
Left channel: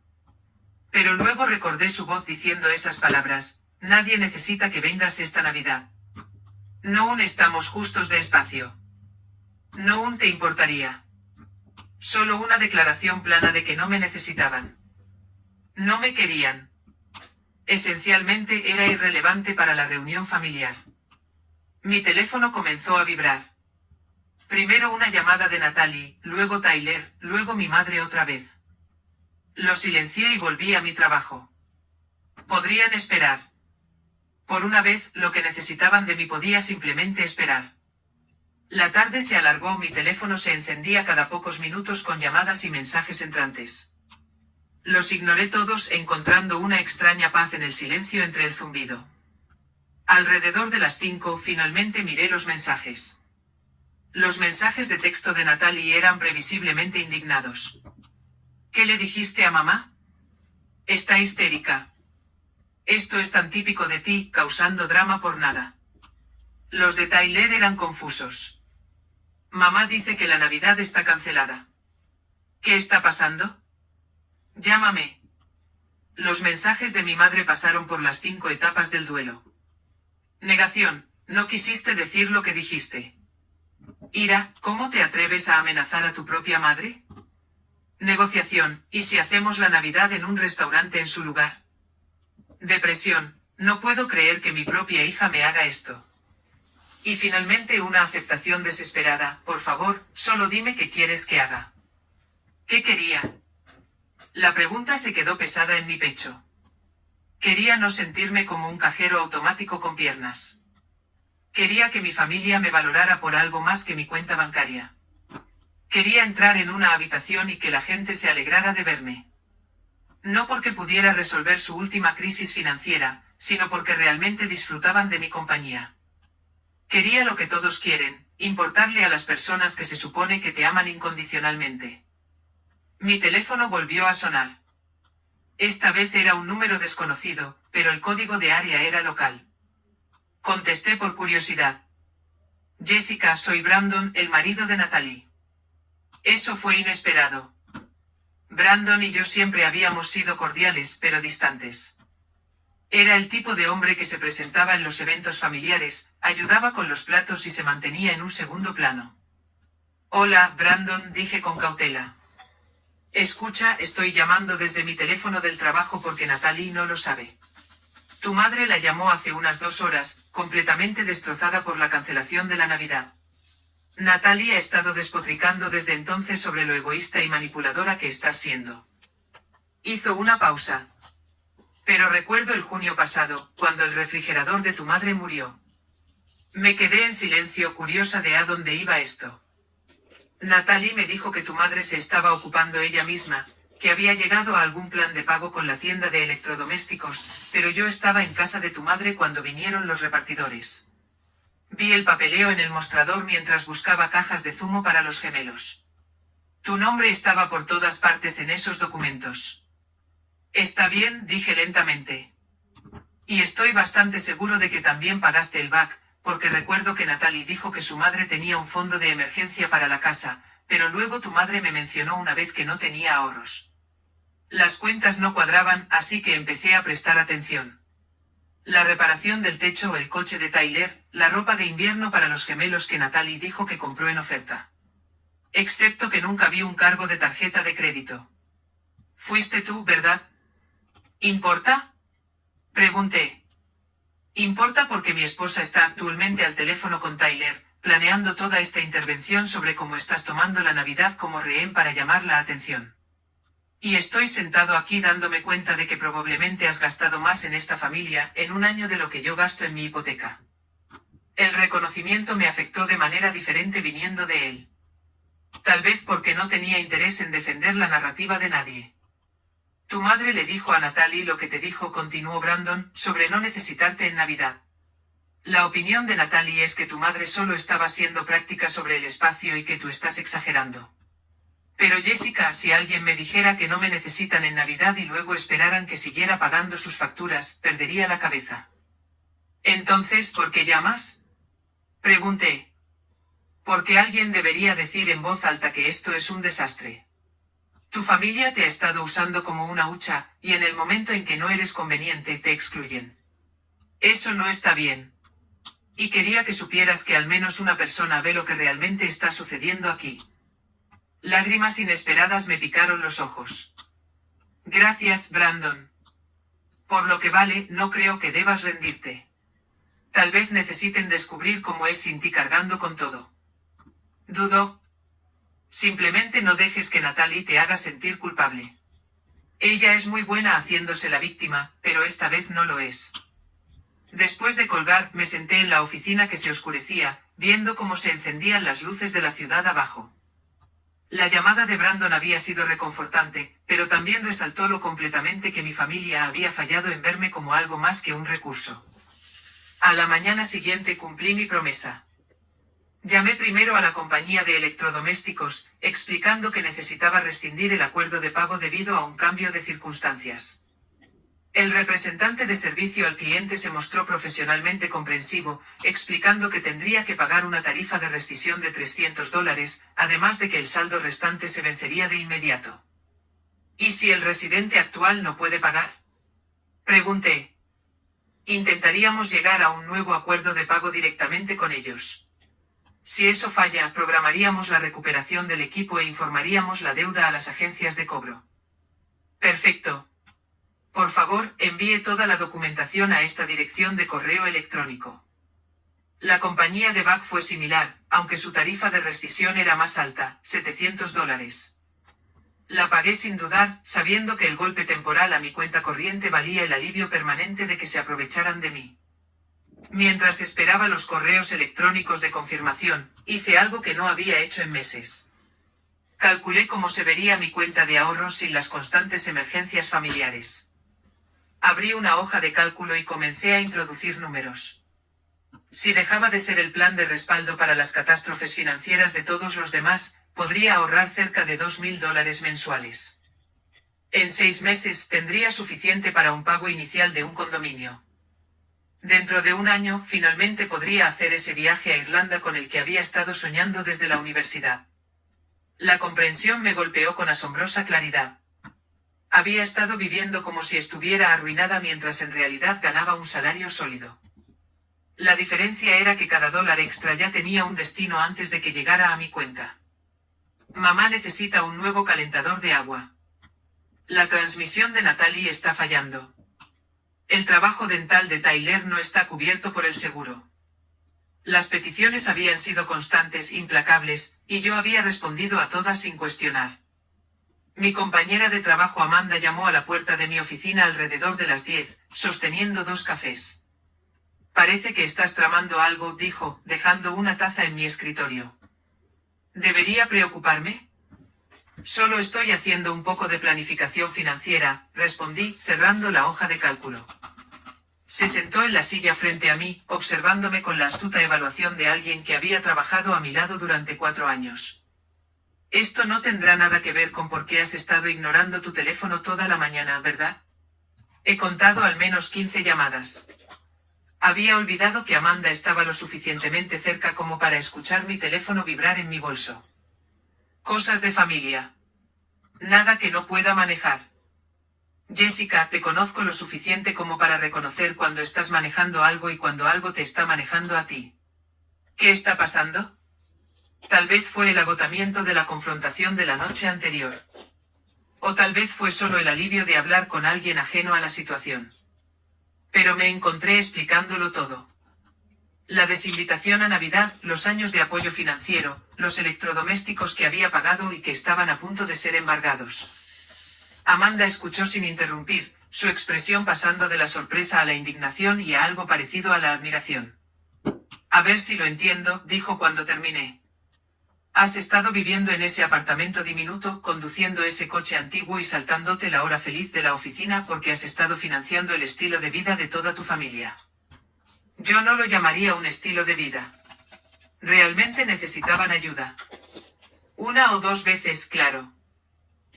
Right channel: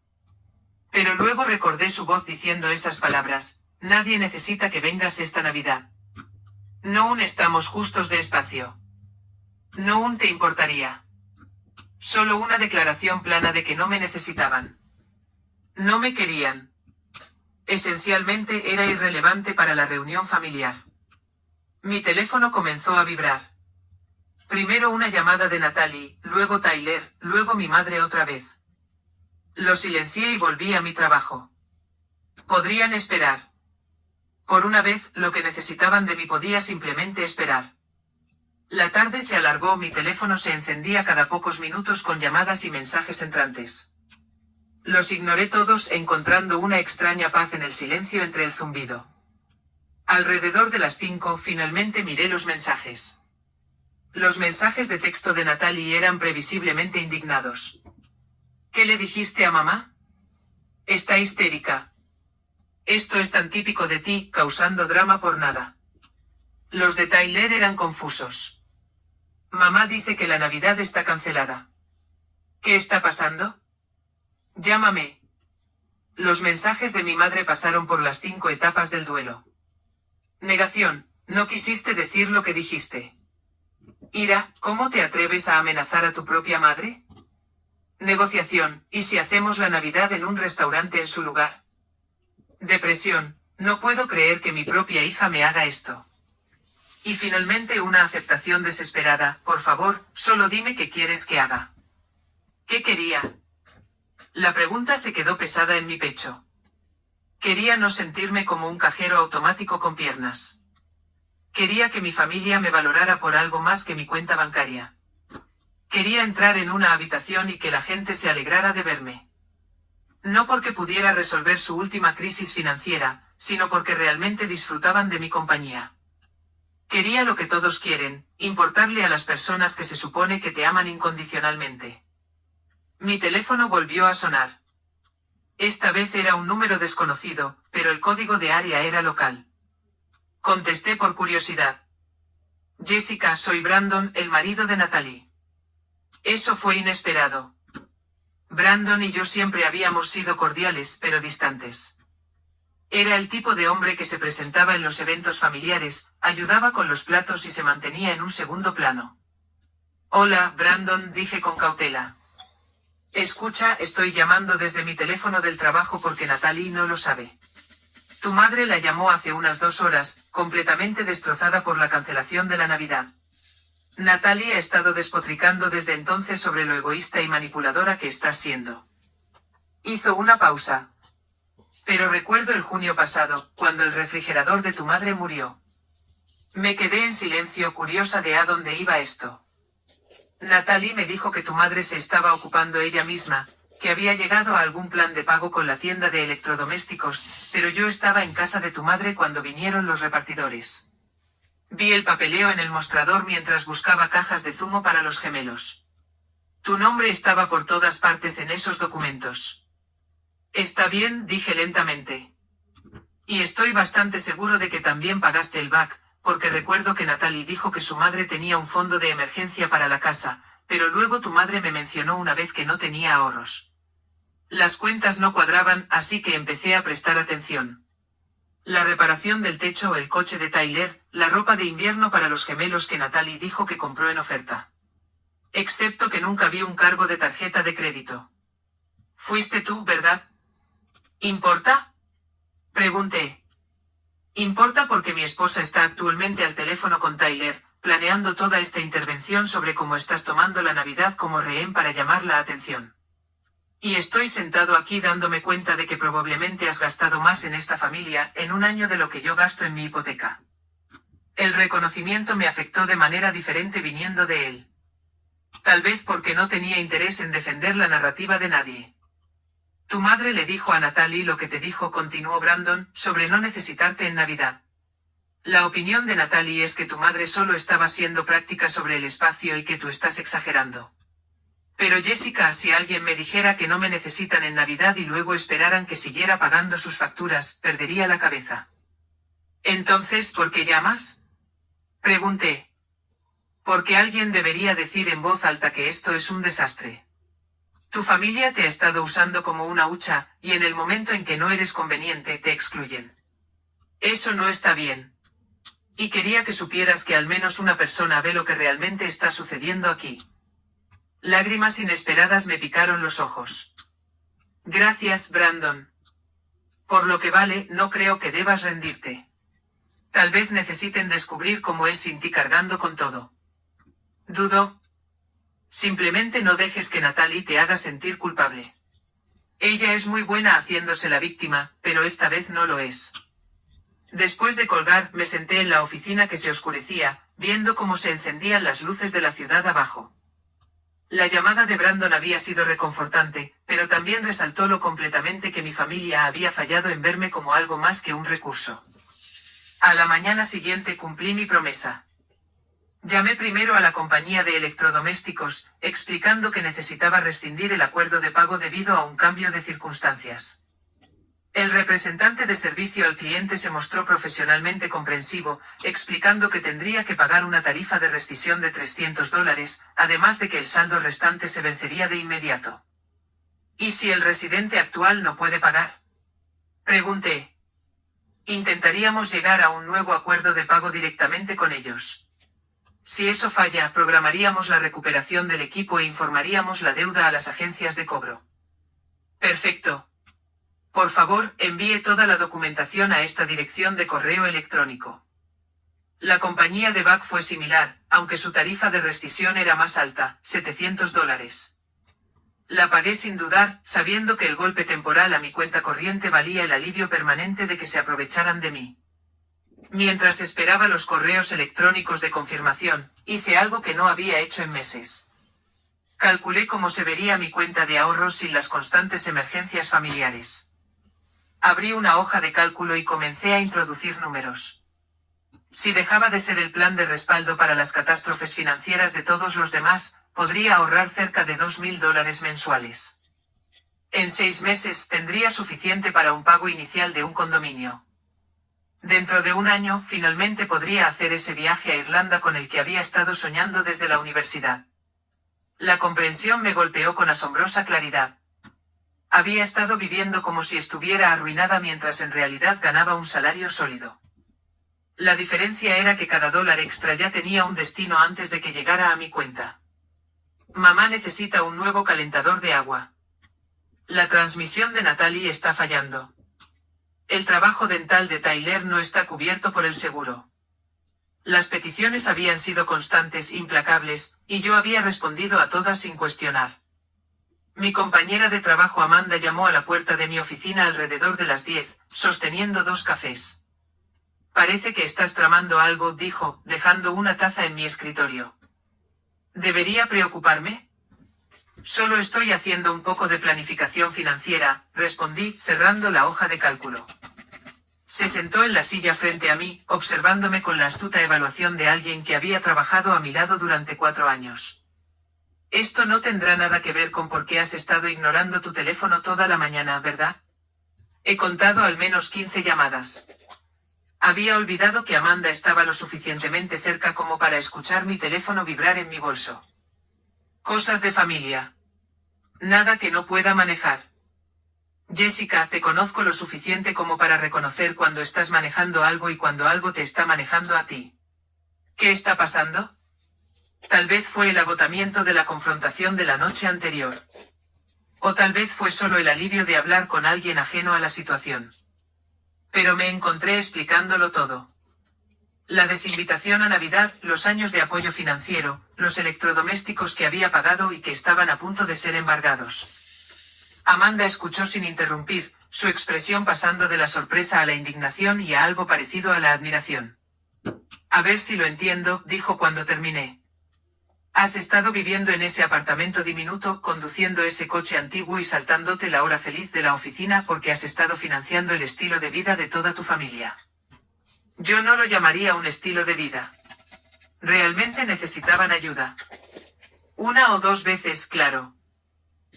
Pero luego recordé su voz diciendo esas palabras, nadie necesita que vengas esta Navidad. No aún estamos justos de espacio. No aún te importaría. Solo una declaración plana de que no me necesitaban. No me querían. Esencialmente era irrelevante para la reunión familiar. Mi teléfono comenzó a vibrar. Primero una llamada de Natalie, luego Tyler, luego mi madre otra vez. Lo silencié y volví a mi trabajo. Podrían esperar. Por una vez, lo que necesitaban de mí podía simplemente esperar. La tarde se alargó, mi teléfono se encendía cada pocos minutos con llamadas y mensajes entrantes. Los ignoré todos, encontrando una extraña paz en el silencio entre el zumbido. Alrededor de las 5, finalmente miré los mensajes. Los mensajes de texto de Natalie eran previsiblemente indignados. ¿Qué le dijiste a mamá? Está histérica. Esto es tan típico de ti, causando drama por nada. Los de Tyler eran confusos. Mamá dice que la Navidad está cancelada. ¿Qué está pasando? Llámame. Los mensajes de mi madre pasaron por las 5 etapas del duelo. Negación, no quisiste decir lo que dijiste. Ira, ¿cómo te atreves a amenazar a tu propia madre? Negociación, ¿y si hacemos la Navidad en un restaurante en su lugar? Depresión, no puedo creer que mi propia hija me haga esto. Y finalmente una aceptación desesperada, por favor, solo dime qué quieres que haga. ¿Qué quería? La pregunta se quedó pesada en mi pecho. Quería no sentirme como un cajero automático con piernas. Quería que mi familia me valorara por algo más que mi cuenta bancaria. Quería entrar en una habitación y que la gente se alegrara de verme. No porque pudiera resolver su última crisis financiera, sino porque realmente disfrutaban de mi compañía. Quería lo que todos quieren, importarle a las personas que se supone que te aman incondicionalmente. Mi teléfono volvió a sonar. Esta vez era un número desconocido, pero el código de área era local. Contesté por curiosidad. Jessica, soy Brandon, el marido de Natalie. Eso fue inesperado. Brandon y yo siempre habíamos sido cordiales, pero distantes. Era el tipo de hombre que se presentaba en los eventos familiares, ayudaba con los platos y se mantenía en un segundo plano. Hola, Brandon, dije con cautela. Escucha, estoy llamando desde mi teléfono del trabajo porque Natalie no lo sabe. Tu madre la llamó hace unas 2 horas, completamente destrozada por la cancelación de la Navidad. Natalie ha estado despotricando desde entonces sobre lo egoísta y manipuladora que estás siendo. Hizo una pausa. Pero recuerdo el junio pasado, cuando el refrigerador de tu madre murió. Me quedé en silencio, curiosa de a dónde iba esto. Natalie me dijo que tu madre se estaba ocupando ella misma, que había llegado a algún plan de pago con la tienda de electrodomésticos, pero yo estaba en casa de tu madre cuando vinieron los repartidores. Vi el papeleo en el mostrador mientras buscaba cajas de zumo para los gemelos. Tu nombre estaba por todas partes en esos documentos. Está bien, dije lentamente. Y estoy bastante seguro de que también pagaste el back, porque recuerdo que Natalie dijo que su madre tenía un fondo de emergencia para la casa, pero luego tu madre me mencionó una vez que no tenía ahorros. Las cuentas no cuadraban, así que empecé a prestar atención. La reparación del techo o el coche de Tyler, la ropa de invierno para los gemelos que Natalie dijo que compró en oferta. Excepto que nunca vi un cargo de tarjeta de crédito. Fuiste tú, ¿verdad? ¿Importa? Pregunté. Importa porque mi esposa está actualmente al teléfono con Tyler, planeando toda esta intervención sobre cómo estás tomando la Navidad como rehén para llamar la atención. Y estoy sentado aquí dándome cuenta de que probablemente has gastado más en esta familia en un año de lo que yo gasto en mi hipoteca. El reconocimiento me afectó de manera diferente viniendo de él. Tal vez porque no tenía interés en defender la narrativa de nadie. Tu madre le dijo a Natalie lo que te dijo, continuó Brandon, sobre no necesitarte en Navidad. La opinión de Natalie es que tu madre solo estaba siendo práctica sobre el espacio y que tú estás exagerando. Pero Jessica, si alguien me dijera que no me necesitan en Navidad y luego esperaran que siguiera pagando sus facturas, perdería la cabeza. Entonces, ¿por qué llamas? Pregunté. Porque alguien debería decir en voz alta que esto es un desastre. Tu familia te ha estado usando como una hucha, y en el momento en que no eres conveniente te excluyen. Eso no está bien. Y quería que supieras que al menos una persona ve lo que realmente está sucediendo aquí. Lágrimas inesperadas me picaron los ojos. Gracias, Brandon. Por lo que vale, no creo que debas rendirte. Tal vez necesiten descubrir cómo es sin ti cargando con todo. Dudo. Simplemente no dejes que Natalie te haga sentir culpable. Ella es muy buena haciéndose la víctima, pero esta vez no lo es. Después de colgar, me senté en la oficina que se oscurecía, viendo cómo se encendían las luces de la ciudad abajo. La llamada de Brandon había sido reconfortante, pero también resaltó lo completamente que mi familia había fallado en verme como algo más que un recurso. A la mañana siguiente cumplí mi promesa. Llamé primero a la compañía de electrodomésticos, explicando que necesitaba rescindir el acuerdo de pago debido a un cambio de circunstancias. El representante de servicio al cliente se mostró profesionalmente comprensivo, explicando que tendría que pagar una tarifa de rescisión de $300, además de que el saldo restante se vencería de inmediato. ¿Y si el residente actual no puede pagar? Pregunté. Intentaríamos llegar a un nuevo acuerdo de pago directamente con ellos. Si eso falla, programaríamos la recuperación del equipo e informaríamos la deuda a las agencias de cobro. Perfecto. Por favor, envíe toda la documentación a esta dirección de correo electrónico. La compañía de Buck fue similar, aunque su tarifa de rescisión era más alta, $700. La pagué sin dudar, sabiendo que el golpe temporal a mi cuenta corriente valía el alivio permanente de que se aprovecharan de mí. Mientras esperaba los correos electrónicos de confirmación, hice algo que no había hecho en meses. Calculé cómo se vería mi cuenta de ahorros sin las constantes emergencias familiares. Abrí una hoja de cálculo y comencé a introducir números. Si dejaba de ser el plan de respaldo para las catástrofes financieras de todos los demás, podría ahorrar cerca de $2.000 mensuales. En 6 meses tendría suficiente para un pago inicial de un condominio. Dentro de un año, finalmente podría hacer ese viaje a Irlanda con el que había estado soñando desde la universidad. La comprensión me golpeó con asombrosa claridad. Había estado viviendo como si estuviera arruinada mientras en realidad ganaba un salario sólido. La diferencia era que cada dólar extra ya tenía un destino antes de que llegara a mi cuenta. Mamá necesita un nuevo calentador de agua. La transmisión de Natalie está fallando. El trabajo dental de Tyler no está cubierto por el seguro. Las peticiones habían sido constantes, implacables, y yo había respondido a todas sin cuestionar. Mi compañera de trabajo Amanda llamó a la puerta de mi oficina alrededor de las 10, sosteniendo 2 cafés. Parece que estás tramando algo, dijo, dejando una taza en mi escritorio. ¿Debería preocuparme? Solo estoy haciendo un poco de planificación financiera, respondí, cerrando la hoja de cálculo. Se sentó en la silla frente a mí, observándome con la astuta evaluación de alguien que había trabajado a mi lado durante 4 años. Esto no tendrá nada que ver con por qué has estado ignorando tu teléfono toda la mañana, ¿verdad? He contado al menos 15 llamadas. Había olvidado que Amanda estaba lo suficientemente cerca como para escuchar mi teléfono vibrar en mi bolso. Cosas de familia. Nada que no pueda manejar. Jessica, te conozco lo suficiente como para reconocer cuando estás manejando algo y cuando algo te está manejando a ti. ¿Qué está pasando? Tal vez fue el agotamiento de la confrontación de la noche anterior. O tal vez fue solo el alivio de hablar con alguien ajeno a la situación. Pero me encontré explicándolo todo. La desinvitación a Navidad, los años de apoyo financiero, los electrodomésticos que había pagado y que estaban a punto de ser embargados. Amanda escuchó sin interrumpir, su expresión pasando de la sorpresa a la indignación y a algo parecido a la admiración. A ver si lo entiendo, dijo cuando terminé. Has estado viviendo en ese apartamento diminuto, conduciendo ese coche antiguo y saltándote la hora feliz de la oficina porque has estado financiando el estilo de vida de toda tu familia. Yo no lo llamaría un estilo de vida. Realmente necesitaban ayuda. 1 o 2 veces, claro.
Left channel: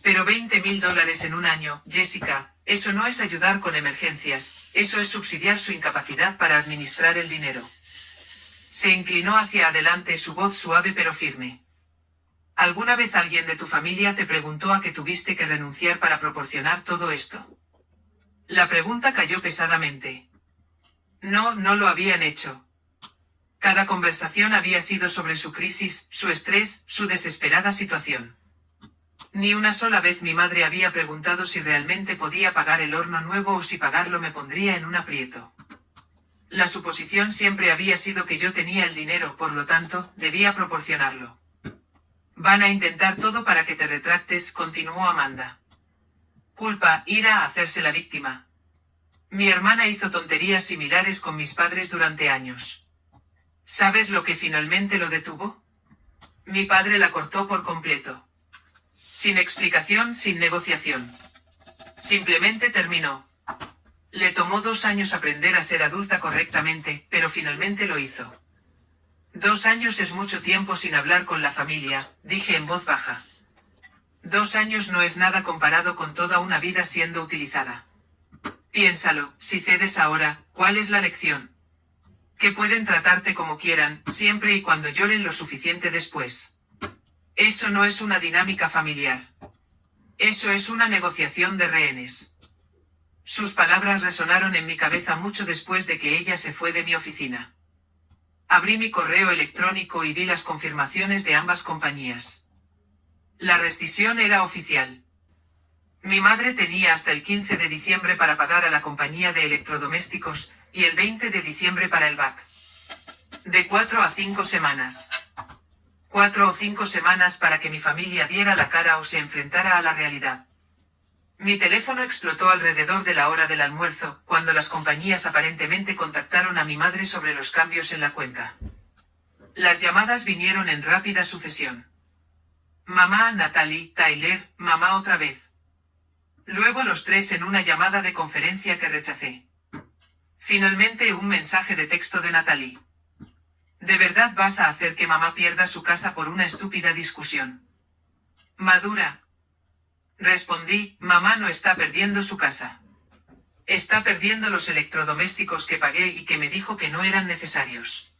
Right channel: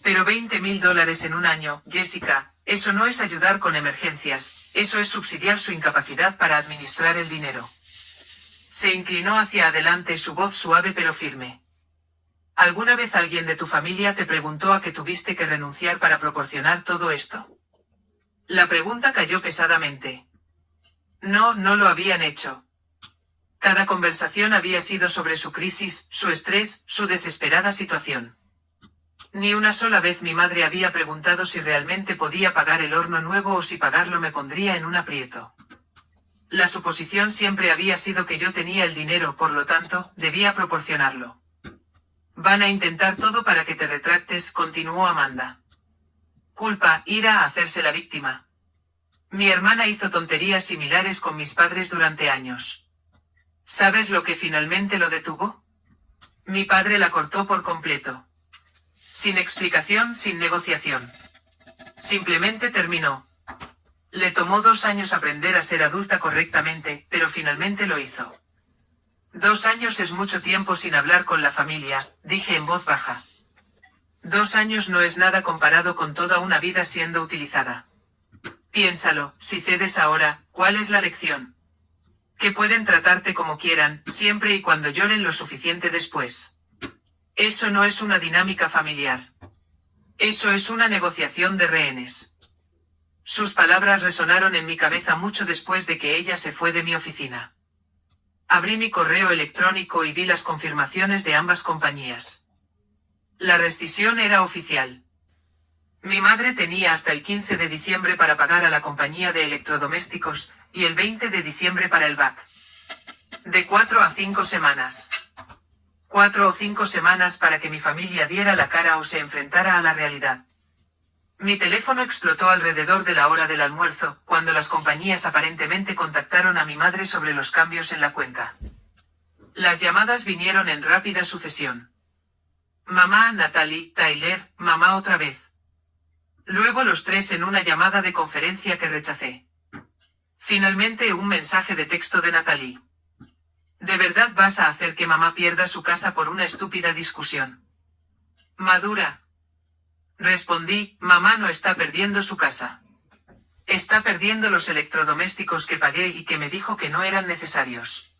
Pero $20.000 en un año, Jessica, eso no es ayudar con emergencias, eso es subsidiar su incapacidad para administrar el dinero. Se inclinó hacia adelante, su voz suave pero firme. ¿Alguna vez alguien de tu familia te preguntó a qué tuviste que renunciar para proporcionar todo esto? La pregunta cayó pesadamente. No, no lo habían hecho. Cada conversación había sido sobre su crisis, su estrés, su desesperada situación. Ni una sola vez mi madre había preguntado si realmente podía pagar el horno nuevo o si pagarlo me pondría en un aprieto. La suposición siempre había sido que yo tenía el dinero, por lo tanto, debía proporcionarlo. Van a intentar todo para que te retractes, continuó Amanda. Culpa, ira, hacerse la víctima. Mi hermana hizo tonterías similares con mis padres durante años. ¿Sabes lo que finalmente lo detuvo? Mi padre la cortó por completo. Sin explicación, sin negociación. Simplemente terminó. Le tomó 2 años aprender a ser adulta correctamente, pero finalmente lo hizo. 2 años es mucho tiempo sin hablar con la familia, dije en voz baja. 2 años no es nada comparado con toda una vida siendo utilizada. Piénsalo, si cedes ahora, ¿cuál es la lección? Que pueden tratarte como quieran, siempre y cuando lloren lo suficiente después. Eso no es una dinámica familiar. Eso es una negociación de rehenes. Sus palabras resonaron en mi cabeza mucho después de que ella se fue de mi oficina. Abrí mi correo electrónico y vi las confirmaciones de ambas compañías. La rescisión era oficial. Mi madre tenía hasta el 15 de diciembre para pagar a la compañía de electrodomésticos, y el 20 de diciembre para el BAC. De 4 a 5 semanas. 4 o 5 semanas para que mi familia diera la cara o se enfrentara a la realidad. Mi teléfono explotó alrededor de la hora del almuerzo, cuando las compañías aparentemente contactaron a mi madre sobre los cambios en la cuenta. Las llamadas vinieron en rápida sucesión. Mamá, Natalie, Tyler, mamá otra vez. Luego los tres en una llamada de conferencia que rechacé. Finalmente un mensaje de texto de Natalie. ¿De verdad vas a hacer que mamá pierda su casa por una estúpida discusión? Madura. Respondí, mamá no está perdiendo su casa. Está perdiendo los electrodomésticos que pagué y que me dijo que no eran necesarios.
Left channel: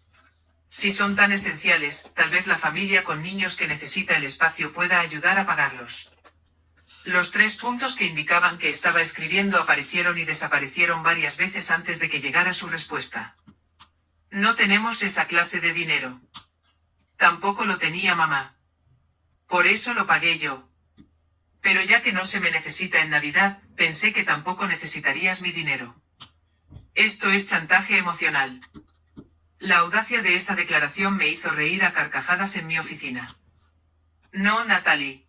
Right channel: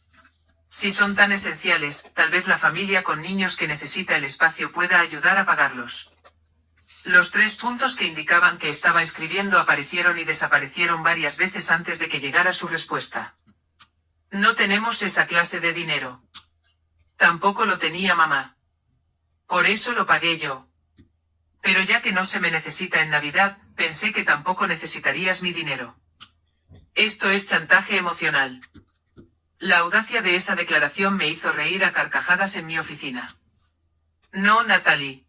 Si son tan esenciales, tal vez la familia con niños que necesita el espacio pueda ayudar a pagarlos. Los 3 puntos que indicaban que estaba escribiendo aparecieron y desaparecieron varias veces antes de que llegara su respuesta. No tenemos esa clase de dinero. Tampoco lo tenía mamá. Por eso lo pagué yo. Pero ya que no se me necesita en Navidad, pensé que tampoco necesitarías mi dinero. Esto es chantaje emocional. La audacia de esa declaración me hizo reír a carcajadas en mi oficina. No, Natalie.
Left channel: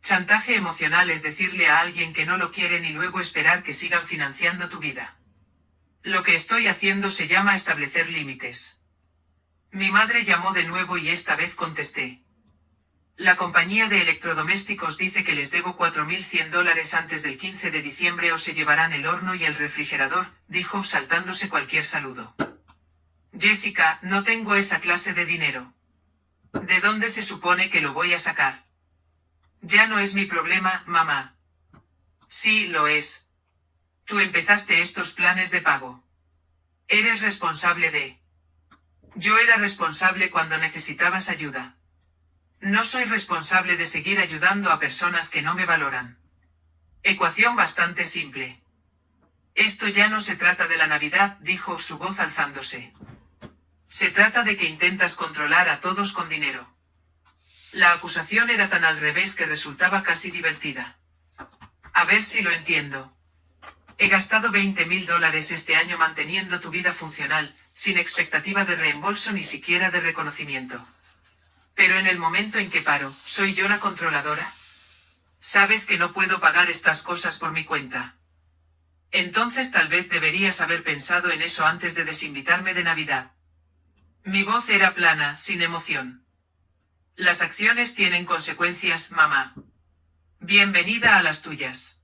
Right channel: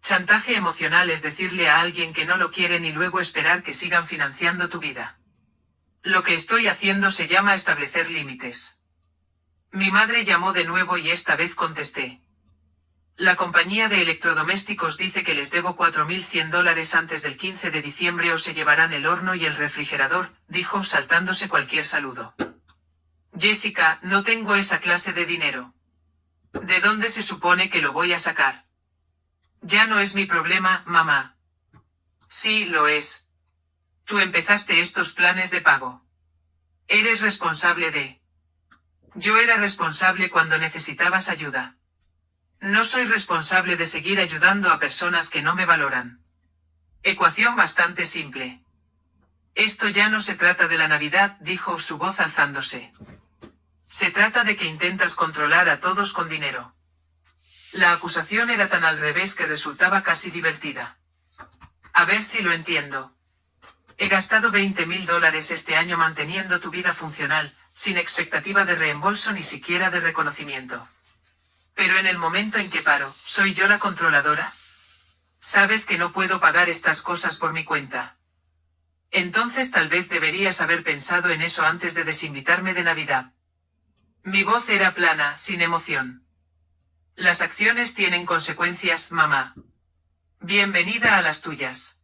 Chantaje emocional es decirle a alguien que no lo quieren y luego esperar que sigan financiando tu vida. Lo que estoy haciendo se llama establecer límites. Mi madre llamó de nuevo y esta vez contesté. La compañía de electrodomésticos dice que les debo $4.100 antes del 15 de diciembre o se llevarán el horno y el refrigerador, dijo saltándose cualquier saludo. Jessica, no tengo esa clase de dinero. ¿De dónde se supone que lo voy a sacar? Ya no es mi problema, mamá. Sí, lo es. Tú empezaste estos planes de pago. Eres responsable de... Yo era responsable cuando necesitabas ayuda. No soy responsable de seguir ayudando a personas que no me valoran. Ecuación bastante simple. Esto ya no se trata de la Navidad, dijo su voz alzándose. Se trata de que intentas controlar a todos con dinero. La acusación era tan al revés que resultaba casi divertida. A ver si lo entiendo. He gastado $20.000 este año manteniendo tu vida funcional, sin expectativa de reembolso ni siquiera de reconocimiento. Pero en el momento en que paro, ¿soy yo la controladora? Sabes que no puedo pagar estas cosas por mi cuenta. Entonces tal vez deberías haber pensado en eso antes de desinvitarme de Navidad. Mi voz era plana, sin emoción. Las acciones tienen consecuencias, mamá. Bienvenida a las tuyas.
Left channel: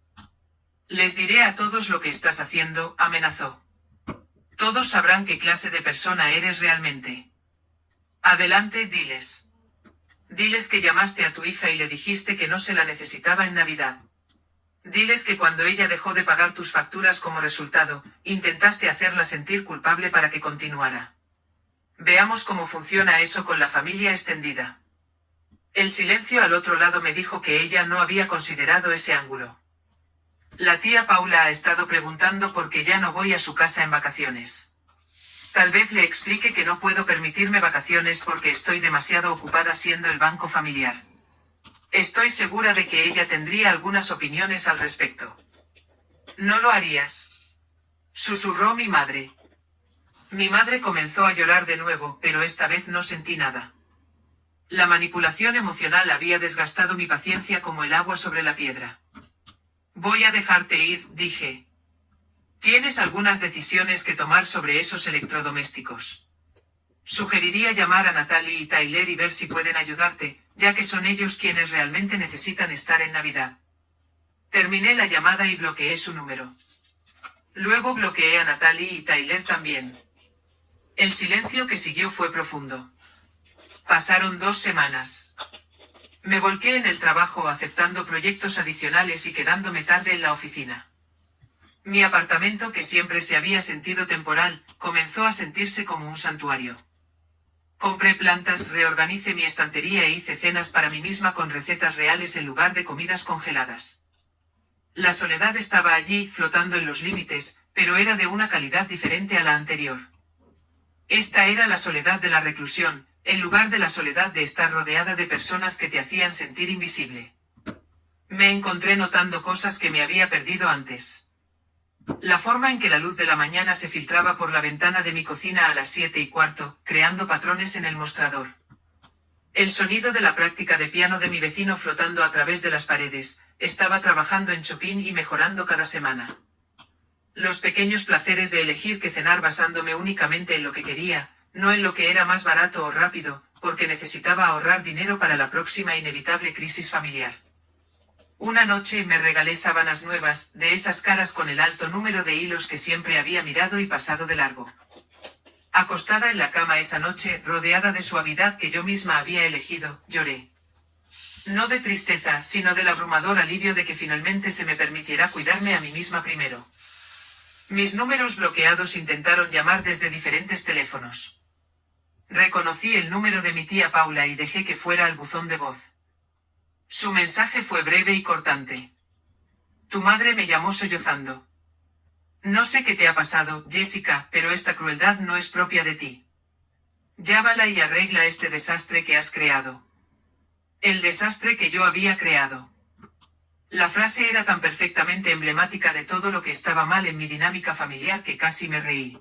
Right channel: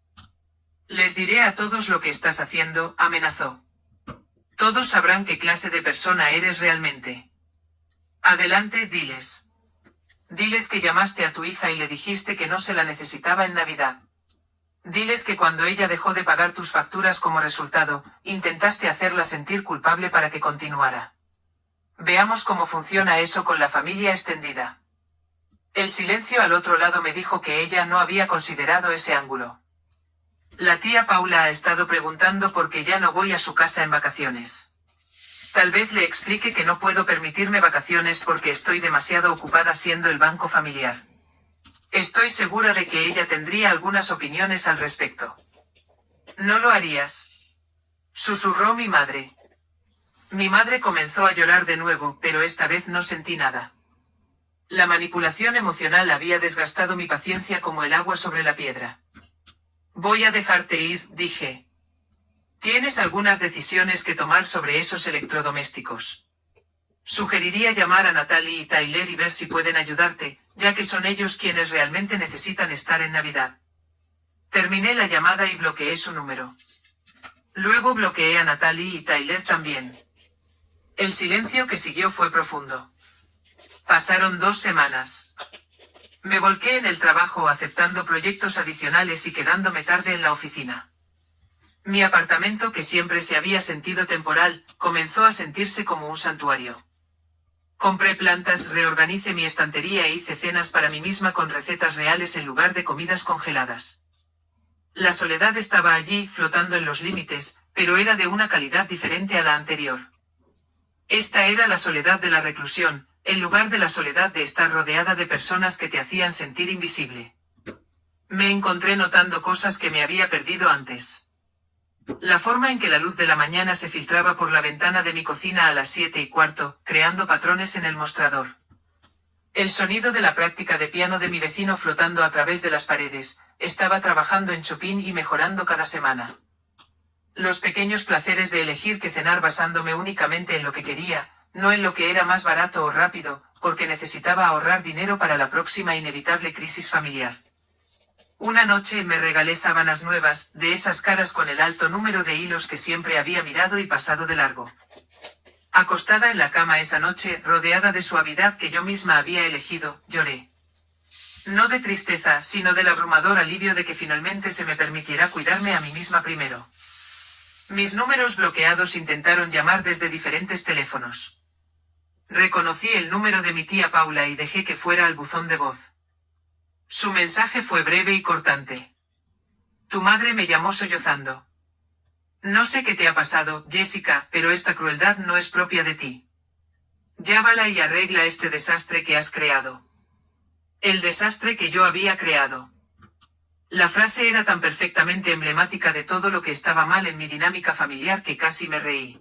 Les diré a todos lo que estás haciendo, amenazó. Todos sabrán qué clase de persona eres realmente. Adelante, diles. Diles que llamaste a tu hija y le dijiste que no se la necesitaba en Navidad. Diles que cuando ella dejó de pagar tus facturas como resultado, intentaste hacerla sentir culpable para que continuara. Veamos cómo funciona eso con la familia extendida. El silencio al otro lado me dijo que ella no había considerado ese ángulo. La tía Paula ha estado preguntando por qué ya no voy a su casa en vacaciones. Tal vez le explique que no puedo permitirme vacaciones porque estoy demasiado ocupada siendo el banco familiar. Estoy segura de que ella tendría algunas opiniones al respecto. ¿No lo harías?, susurró mi madre. Mi madre comenzó a llorar de nuevo, pero esta vez no sentí nada. La manipulación emocional había desgastado mi paciencia como el agua sobre la piedra. Voy a dejarte ir, dije. Tienes algunas decisiones que tomar sobre esos electrodomésticos. Sugeriría llamar a Natalie y Tyler y ver si pueden ayudarte, ya que son ellos quienes realmente necesitan estar en Navidad. Terminé la llamada y bloqueé su número. Luego bloqueé a Natalie y Tyler también. El silencio que siguió fue profundo. Pasaron 2 semanas. Me volqué en el trabajo aceptando proyectos adicionales y quedándome tarde en la oficina. Mi apartamento, que siempre se había sentido temporal, comenzó a sentirse como un santuario. Compré plantas, reorganicé mi estantería e hice cenas para mí misma con recetas reales en lugar de comidas congeladas. La soledad estaba allí, flotando en los límites, pero era de una calidad diferente a la anterior. Esta era la soledad de la reclusión, en lugar de la soledad de estar rodeada de personas que te hacían sentir invisible. Me encontré notando cosas que me había perdido antes. La forma en que la luz de la mañana se filtraba por la ventana de mi cocina a las 7:15, creando patrones en el mostrador. El sonido de la práctica de piano de mi vecino flotando a través de las paredes. Estaba trabajando en Chopin y mejorando cada semana. Los pequeños placeres de elegir qué cenar basándome únicamente en lo que quería, no en lo que era más barato o rápido, porque necesitaba ahorrar dinero para la próxima inevitable crisis familiar. Una noche me regalé sábanas nuevas, de esas caras con el alto número de hilos que siempre había mirado y pasado de largo. Acostada en la cama esa noche, rodeada de suavidad que yo misma había elegido, lloré. No de tristeza, sino del abrumador alivio de que finalmente se me permitiera cuidarme a mí misma primero. Mis números bloqueados intentaron llamar desde diferentes teléfonos. Reconocí el número de mi tía Paula y dejé que fuera al buzón de voz. Su mensaje fue breve y cortante. Tu madre me llamó sollozando. No sé qué te ha pasado, Jessica, pero esta crueldad no es propia de ti. Llávala y arregla este desastre que has creado. El desastre que yo había creado. La frase era tan perfectamente emblemática de todo lo que estaba mal en mi dinámica familiar que casi me reí.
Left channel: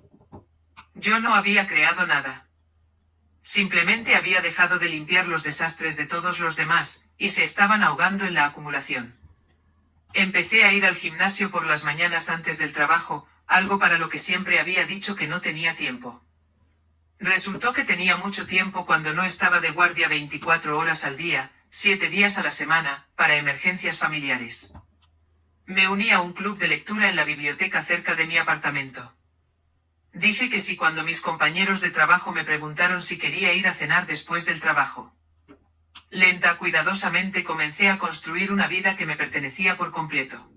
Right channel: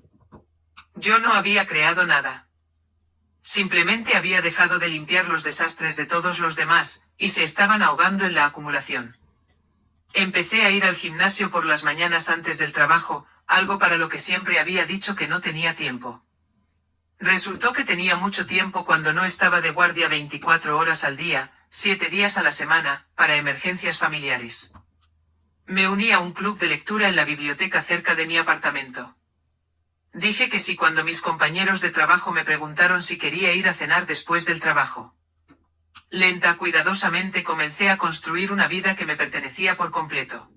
Yo no había creado nada. Simplemente había dejado de limpiar los desastres de todos los demás, y se estaban ahogando en la acumulación. Empecé a ir al gimnasio por las mañanas antes del trabajo, algo para lo que siempre había dicho que no tenía tiempo. Resultó que tenía mucho tiempo cuando no estaba de guardia 24 horas al día, 7 días a la semana, para emergencias familiares. Me uní a un club de lectura en la biblioteca cerca de mi apartamento. Dije que sí cuando mis compañeros de trabajo me preguntaron si quería ir a cenar después del trabajo. Lenta, cuidadosamente comencé a construir una vida que me pertenecía por completo.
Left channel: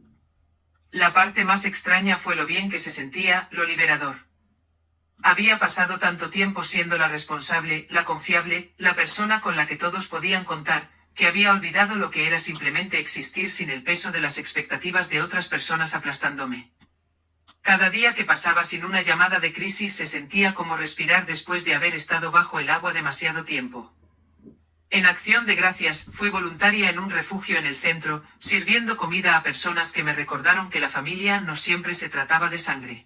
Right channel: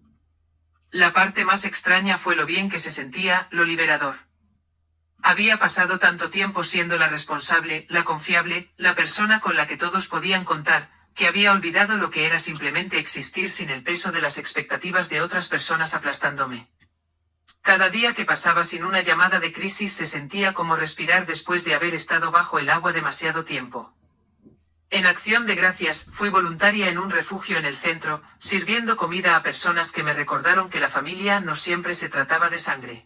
La parte más extraña fue lo bien que se sentía, lo liberador. Había pasado tanto tiempo siendo la responsable, la confiable, la persona con la que todos podían contar, que había olvidado lo que era simplemente existir sin el peso de las expectativas de otras personas aplastándome. Cada día que pasaba sin una llamada de crisis se sentía como respirar después de haber estado bajo el agua demasiado tiempo. En Acción de Gracias, fui voluntaria en un refugio en el centro, sirviendo comida a personas que me recordaron que la familia no siempre se trataba de sangre.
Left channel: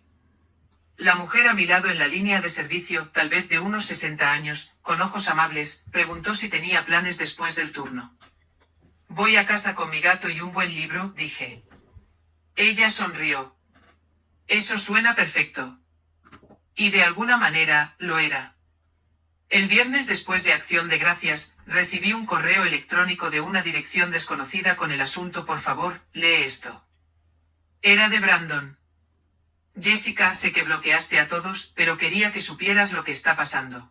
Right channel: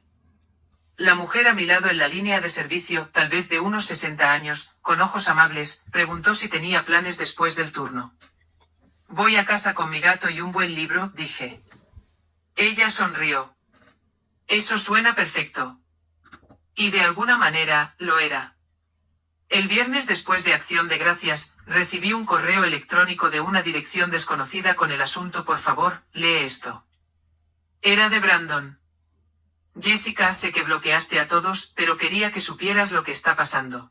La mujer a mi lado en la línea de servicio, tal vez de unos 60 años, con ojos amables, preguntó si tenía planes después del turno. Voy a casa con mi gato y un buen libro, dije. Ella sonrió. Eso suena perfecto. Y de alguna manera, lo era. El viernes después de Acción de Gracias, recibí un correo electrónico de una dirección desconocida con el asunto por favor, lee esto. Era de Brandon. Jessica, sé que bloqueaste a todos, pero quería que supieras lo que está pasando.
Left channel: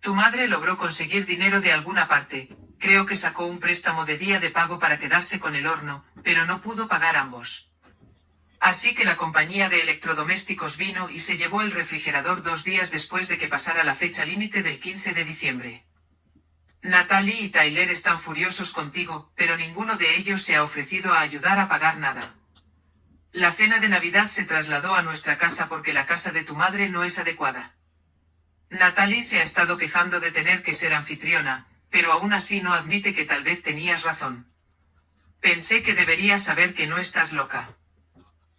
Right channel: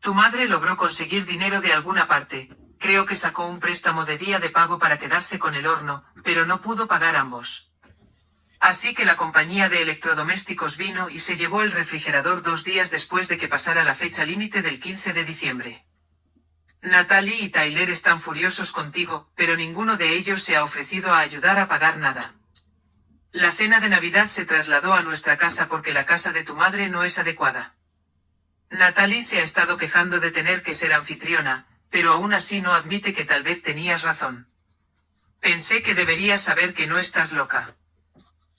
Tu madre logró conseguir dinero de alguna parte, creo que sacó un préstamo de día de pago para quedarse con el horno, pero no pudo pagar ambos. Así que la compañía de electrodomésticos vino y se llevó el refrigerador 2 días después de que pasara la fecha límite del 15 de diciembre. Natalie y Tyler están furiosos contigo, pero ninguno de ellos se ha ofrecido a ayudar a pagar nada. La cena de Navidad se trasladó a nuestra casa porque la casa de tu madre no es adecuada. Natalie se ha estado quejando de tener que ser anfitriona, pero aún así no admite que tal vez tenías razón. Pensé que deberías saber que no estás loca.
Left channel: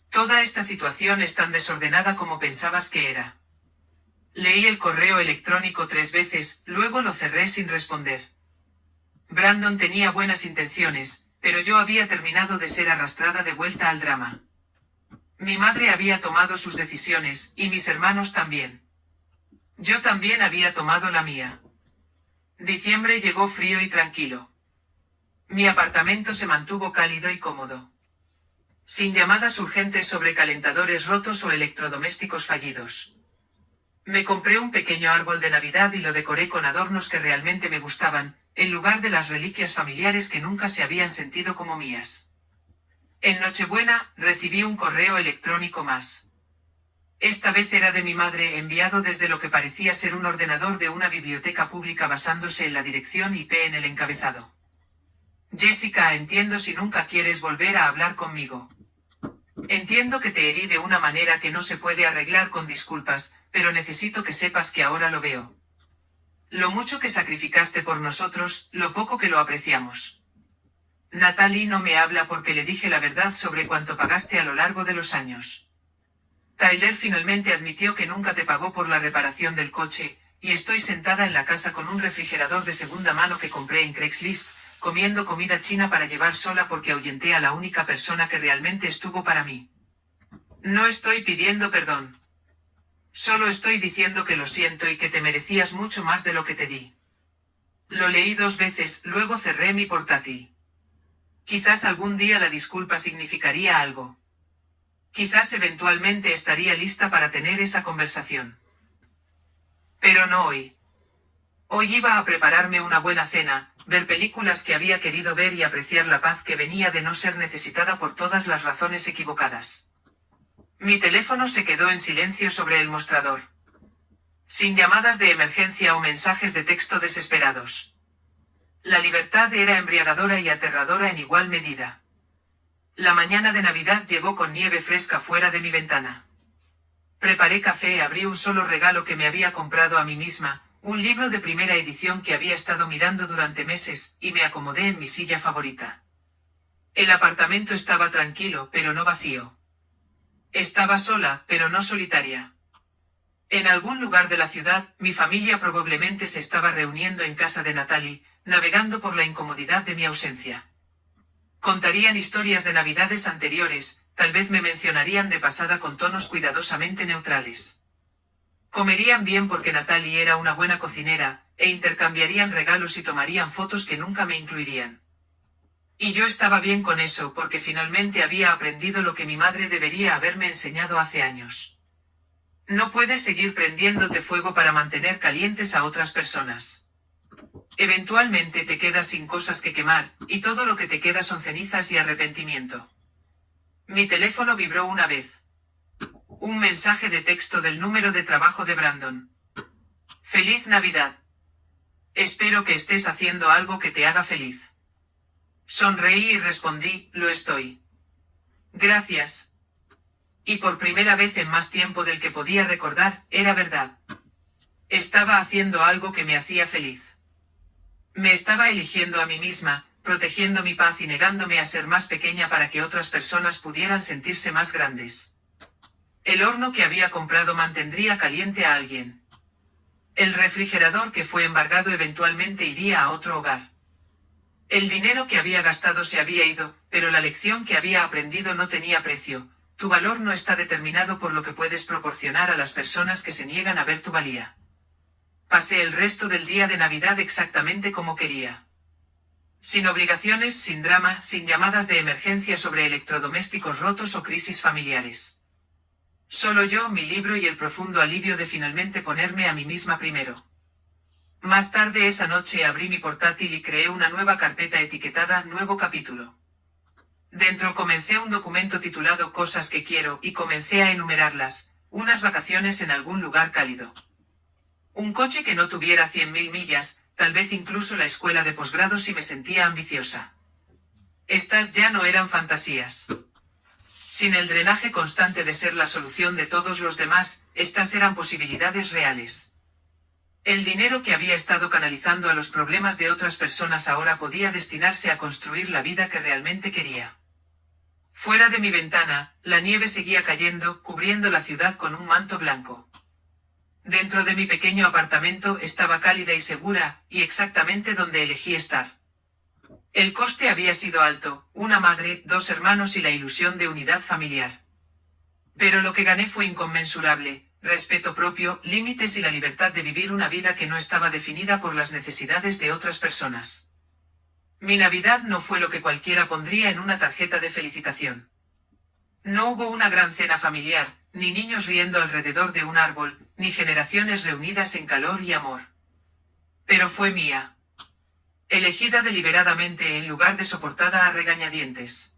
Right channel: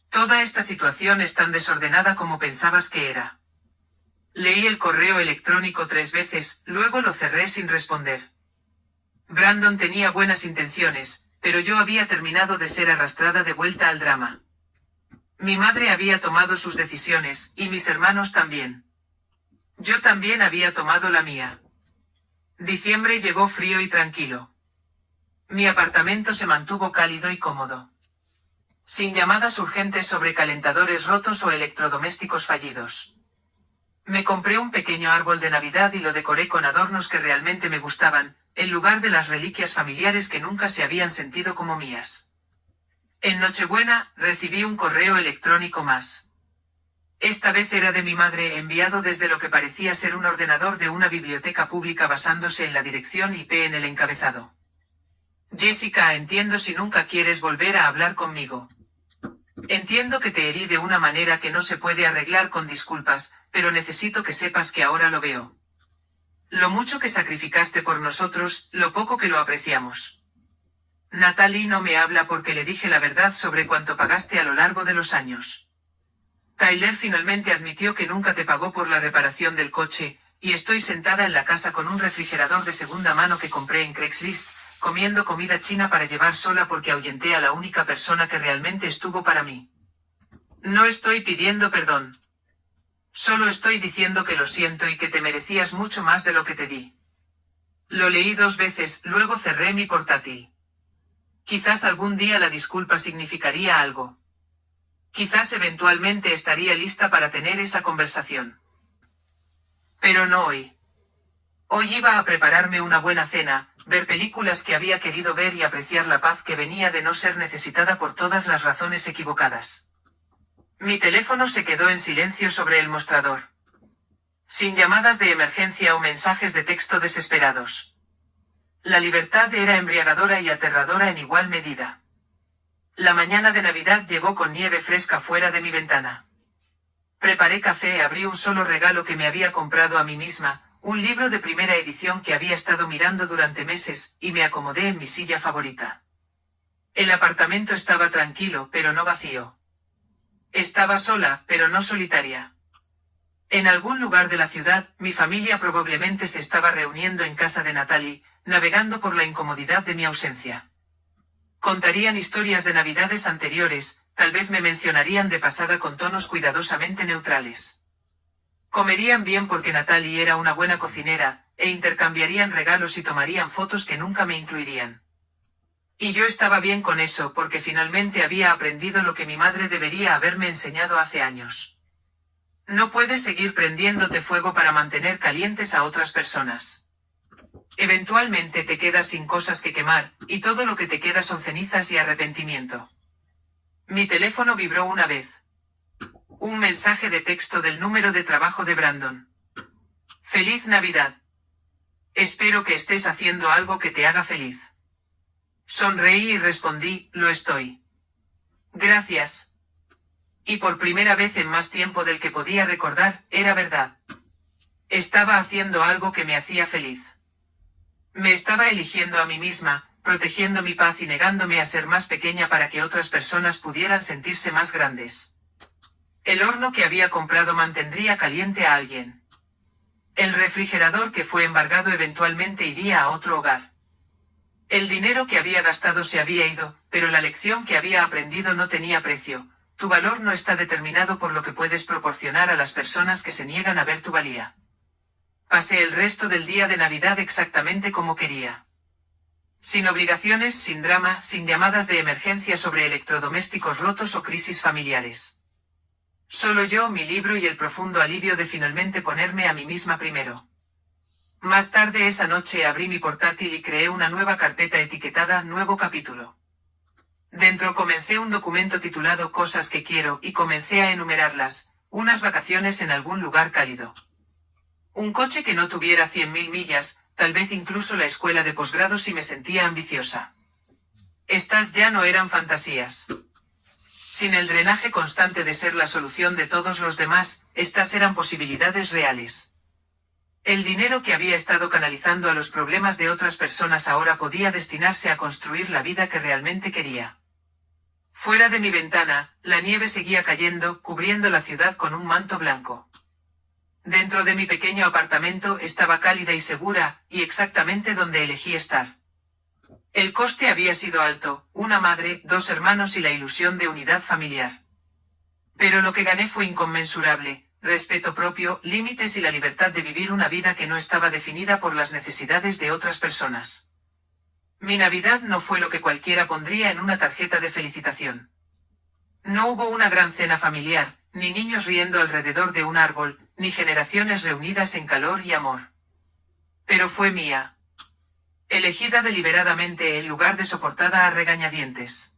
Toda esta situación es tan desordenada como pensabas que era. Leí el correo electrónico 3 veces, luego lo cerré sin responder. Brandon tenía buenas intenciones, pero yo había terminado de ser arrastrada de vuelta al drama. Mi madre había tomado sus decisiones, y mis hermanos también. Yo también había tomado la mía. Diciembre llegó frío y tranquilo. Mi apartamento se mantuvo cálido y cómodo. Sin llamadas urgentes sobre calentadores rotos o electrodomésticos fallidos. Me compré un pequeño árbol de Navidad y lo decoré con adornos que realmente me gustaban, en lugar de las reliquias familiares que nunca se habían sentido como mías. En Nochebuena, recibí un correo electrónico más. Esta vez era de mi madre, enviado desde lo que parecía ser un ordenador de una biblioteca pública basándose en la dirección IP en el encabezado. Jessica, entiendo si nunca quieres volver a hablar conmigo. Entiendo que te herí de una manera que no se puede arreglar con disculpas, pero necesito que sepas que ahora lo veo. Lo mucho que sacrificaste por nosotros, lo poco que lo apreciamos. Natalie no me habla porque le dije la verdad sobre cuánto pagaste a lo largo de los años. Tyler finalmente admitió que nunca te pagó por la reparación del coche, y estoy sentada en la casa con un refrigerador de segunda mano que compré en Craigslist, comiendo comida china para llevar sola porque ahuyenté a la única persona que realmente estuvo para mí. No estoy pidiendo perdón. Solo estoy diciendo que lo siento y que te merecías mucho más de lo que te di. Lo leí 2 veces, luego cerré mi portátil. Quizás algún día la disculpa significaría algo. Quizás eventualmente estaría lista para tener esa conversación. Pero no hoy. Hoy iba a prepararme una buena cena, ver películas que había querido ver y apreciar la paz que venía de no ser necesitada por todas las razones equivocadas. Mi teléfono se quedó en silencio sobre el mostrador. Sin llamadas de emergencia o mensajes de texto desesperados. La libertad era embriagadora y aterradora en igual medida. La mañana de Navidad llegó con nieve fresca fuera de mi ventana. Preparé café, abrí un solo regalo que me había comprado a mí misma, un libro de primera edición que había estado mirando durante meses, y me acomodé en mi silla favorita. El apartamento estaba tranquilo, pero no vacío. Estaba sola, pero no solitaria. En algún lugar de la ciudad, mi familia probablemente se estaba reuniendo en casa de Natalie, navegando por la incomodidad de mi ausencia. Contarían historias de navidades anteriores, tal vez me mencionarían de pasada con tonos cuidadosamente neutrales. Comerían bien porque Natalie era una buena cocinera, e intercambiarían regalos y tomarían fotos que nunca me incluirían. Y yo estaba bien con eso porque finalmente había aprendido lo que mi madre debería haberme enseñado hace años. No puedes seguir prendiéndote fuego para mantener calientes a otras personas. Eventualmente te quedas sin cosas que quemar, y todo lo que te queda son cenizas y arrepentimiento. Mi teléfono vibró una vez. Un mensaje de texto del número de trabajo de Brandon. Feliz Navidad. Espero que estés haciendo algo que te haga feliz. Sonreí y respondí, lo estoy. Gracias. Y por primera vez en más tiempo del que podía recordar, era verdad. Estaba haciendo algo que me hacía feliz. Me estaba eligiendo a mí misma, protegiendo mi paz y negándome a ser más pequeña para que otras personas pudieran sentirse más grandes. El horno que había comprado mantendría caliente a alguien. El refrigerador que fue embargado eventualmente iría a otro hogar. El dinero que había gastado se había ido, pero la lección que había aprendido no tenía precio. Tu valor no está determinado por lo que puedes proporcionar a las personas que se niegan a ver tu valía. Pasé el resto del día de Navidad exactamente como quería. Sin obligaciones, sin drama, sin llamadas de emergencia sobre electrodomésticos rotos o crisis familiares. Solo yo, mi libro y el profundo alivio de finalmente ponerme a mí misma primero. Más tarde esa noche abrí mi portátil y creé una nueva carpeta etiquetada Nuevo capítulo. Dentro comencé un documento titulado Cosas que quiero y comencé a enumerarlas, unas vacaciones en algún lugar cálido. Un coche que no tuviera 100.000 millas, tal vez incluso la escuela de posgrado si me sentía ambiciosa. Estas ya no eran fantasías. Sin el drenaje constante de ser la solución de todos los demás, estas eran posibilidades reales. El dinero que había estado canalizando a los problemas de otras personas ahora podía destinarse a construir la vida que realmente quería. Fuera de mi ventana, la nieve seguía cayendo, cubriendo la ciudad con un manto blanco. Dentro de mi pequeño apartamento estaba cálida y segura, y exactamente donde elegí estar. El coste había sido alto, una madre, 2 hermanos y la ilusión de unidad familiar. Pero lo que gané fue inconmensurable, respeto propio, límites y la libertad de vivir una vida que no estaba definida por las necesidades de otras personas. Mi Navidad no fue lo que cualquiera pondría en una tarjeta de felicitación. No hubo una gran cena familiar, ni niños riendo alrededor de un árbol, ni generaciones reunidas en calor y amor. Pero fue mía. Elegida deliberadamente en lugar de soportada a regañadientes.